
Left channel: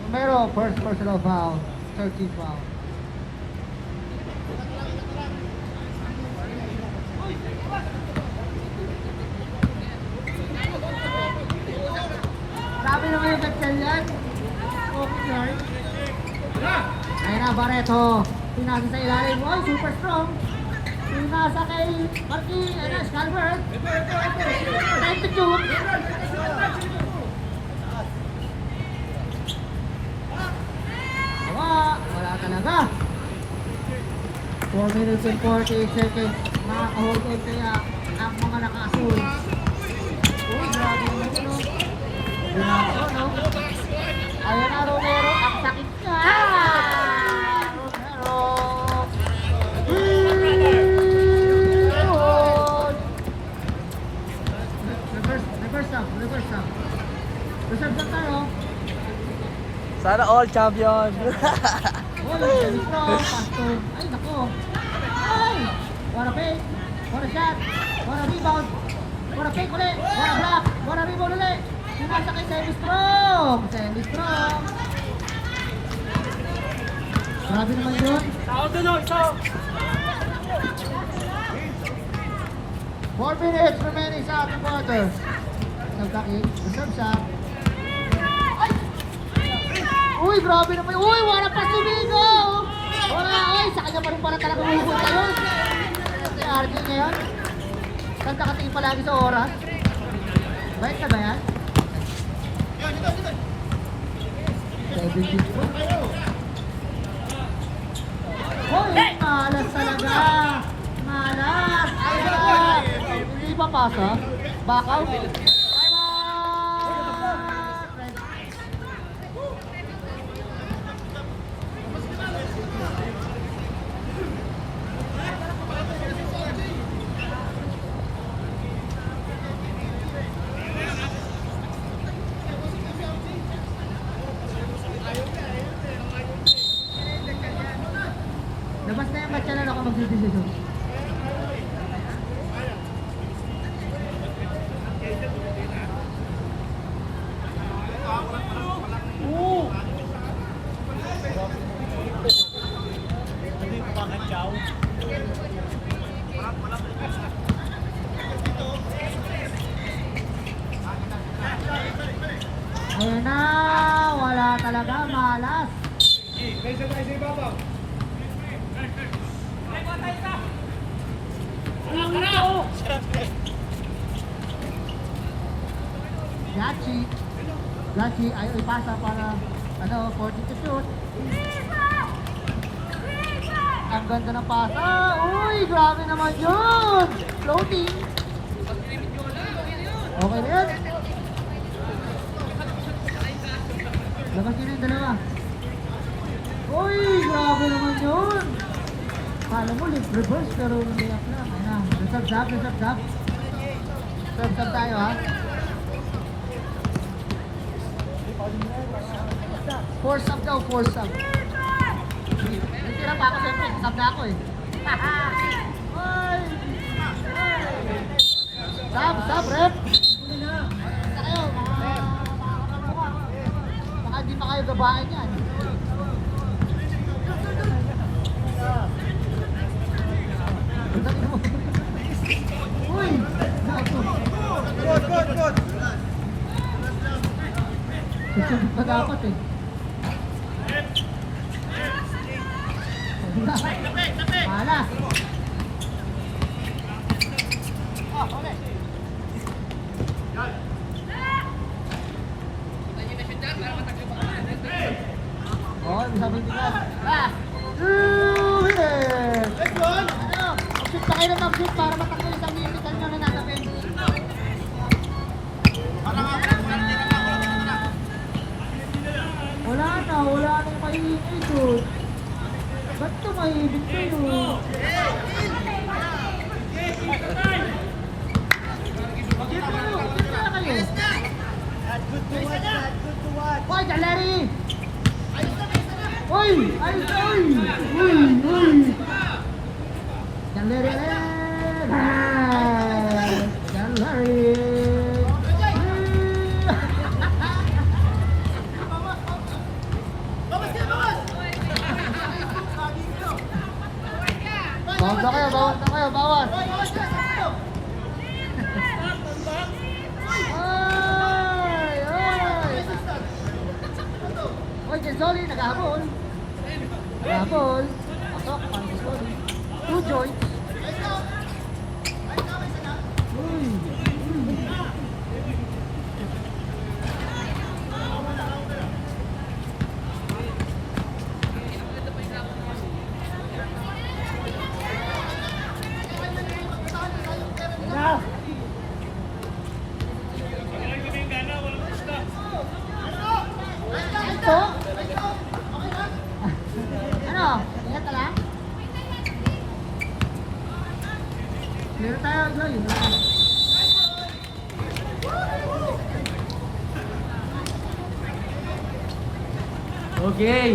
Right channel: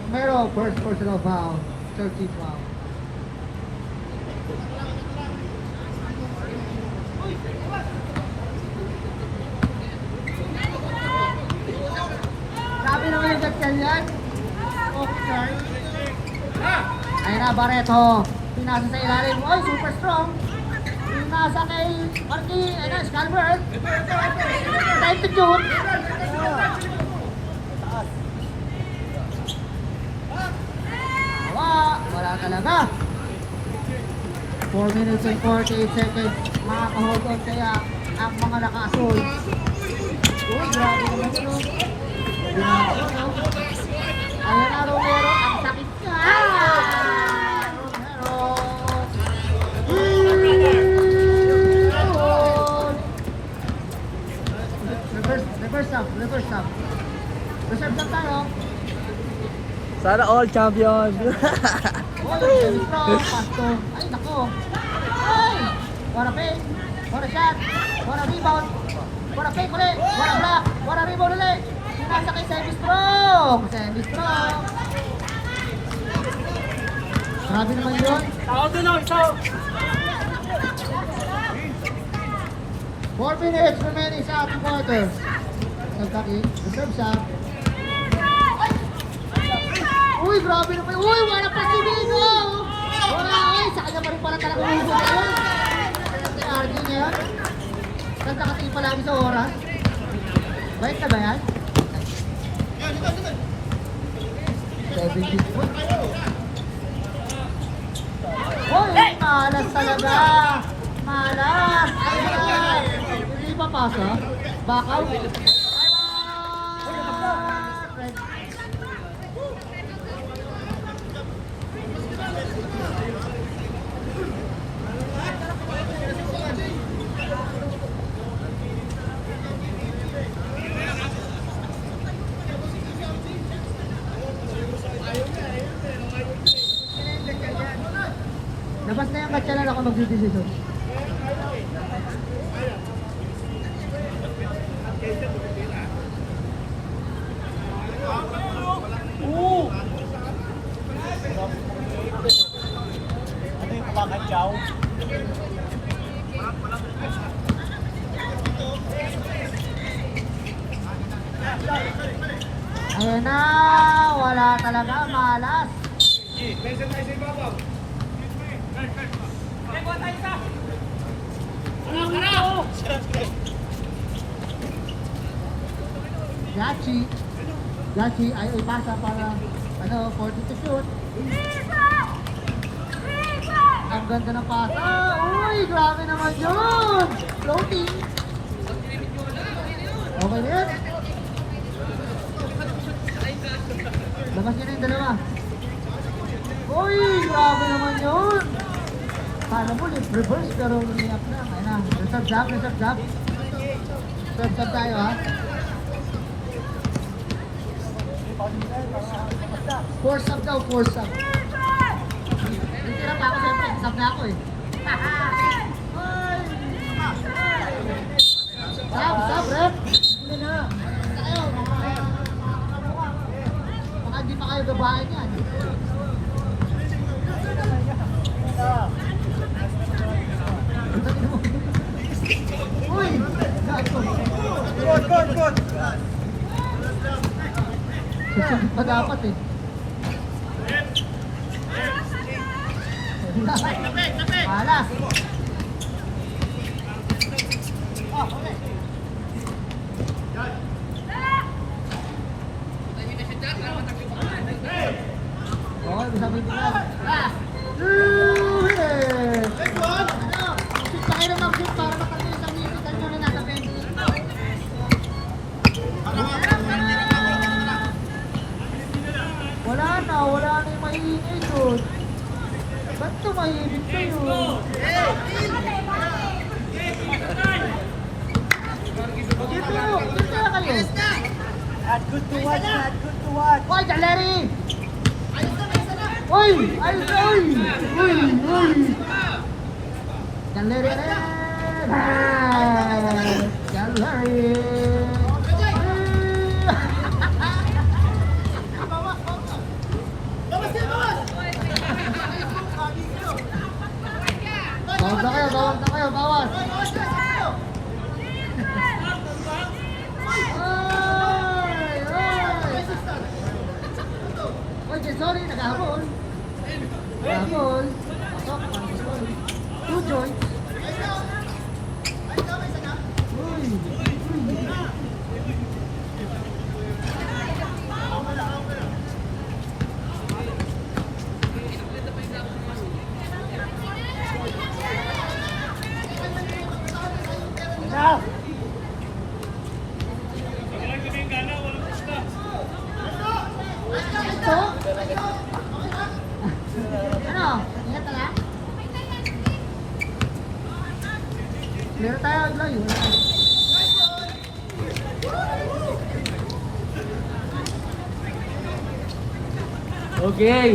Romero, first personal foul. 13 foul. Sabi naman yung gagsan yan. Ayun na, Barreto. Pinasa sa ilalim. Oy, super strong. Pinasa kay Marky, Skyward. Time to June. Wala talaga. 4 minutes and 48 seconds. Makakahugot kaya ang mga nakasol. Uy, grabe naman yun, no? Grabe, no? Ayan na, Romero. Ang sakit ka. Reverse up. Reserve na ka, no? Sana all champion. Ay, naku. Ay! Wala ping. Wala shot. Wala rebound. Wala ping ulit. Wala block. Wala rebound ulit. Iwasa kay Semi-Strong. Semi-Strong. Grabe naman yun. 4 minutes remaining sa ating quarter. Nagtakik. Reserve shot. Uy, grabe naman. Uy, wala pa sumigo. Uy, sa kanya pa rin pala talaga hugo kayo. May RD niya yan. Saan nakatingin palagi sa oras? Bait na ba yan? Uy, malas talaga. Malas. Ayan. Hindi papasok. Back out. Ayan. Labas na yung gatsalan ako magdidesisyon. Ayan na, wala talaga, malas. Gachi ay ipasa para ano, 40 to shoot. Ang ganda ng pasa. Uy, grabe naman yun. Floating. Okay na yun. Labas yun yung dalawa. Uy, grabe naman yun. Paano mo, reverse pero hindi ako. Ayan, sub-sub. Sub-sub tayo ha. 4 sub daw, 4 sub. Hindi lang ako siyempre, sub na ako eh. Sub, rep. Hindi na. Tayo, baka hindi pa kayo gabahin yan. Uy! Mag-apat eh. Tapik! Malas. Oh, bisa dito na. Mag-shoot pa kayo na mag-shoot para makakita niyo yung kanya na nalapin. Wala na maiibig ko. Ba't ito maiibig sa'yo? Dito na kayo. Hoy, Daleri! Hoy! Daleri! Bawal na kayo, bawal. Oy, sorry, naghahabol. Naghahabol. Sorry. Two joints. Ito? Ano? Ingat ka lang? Meron tayo, layo. Okay.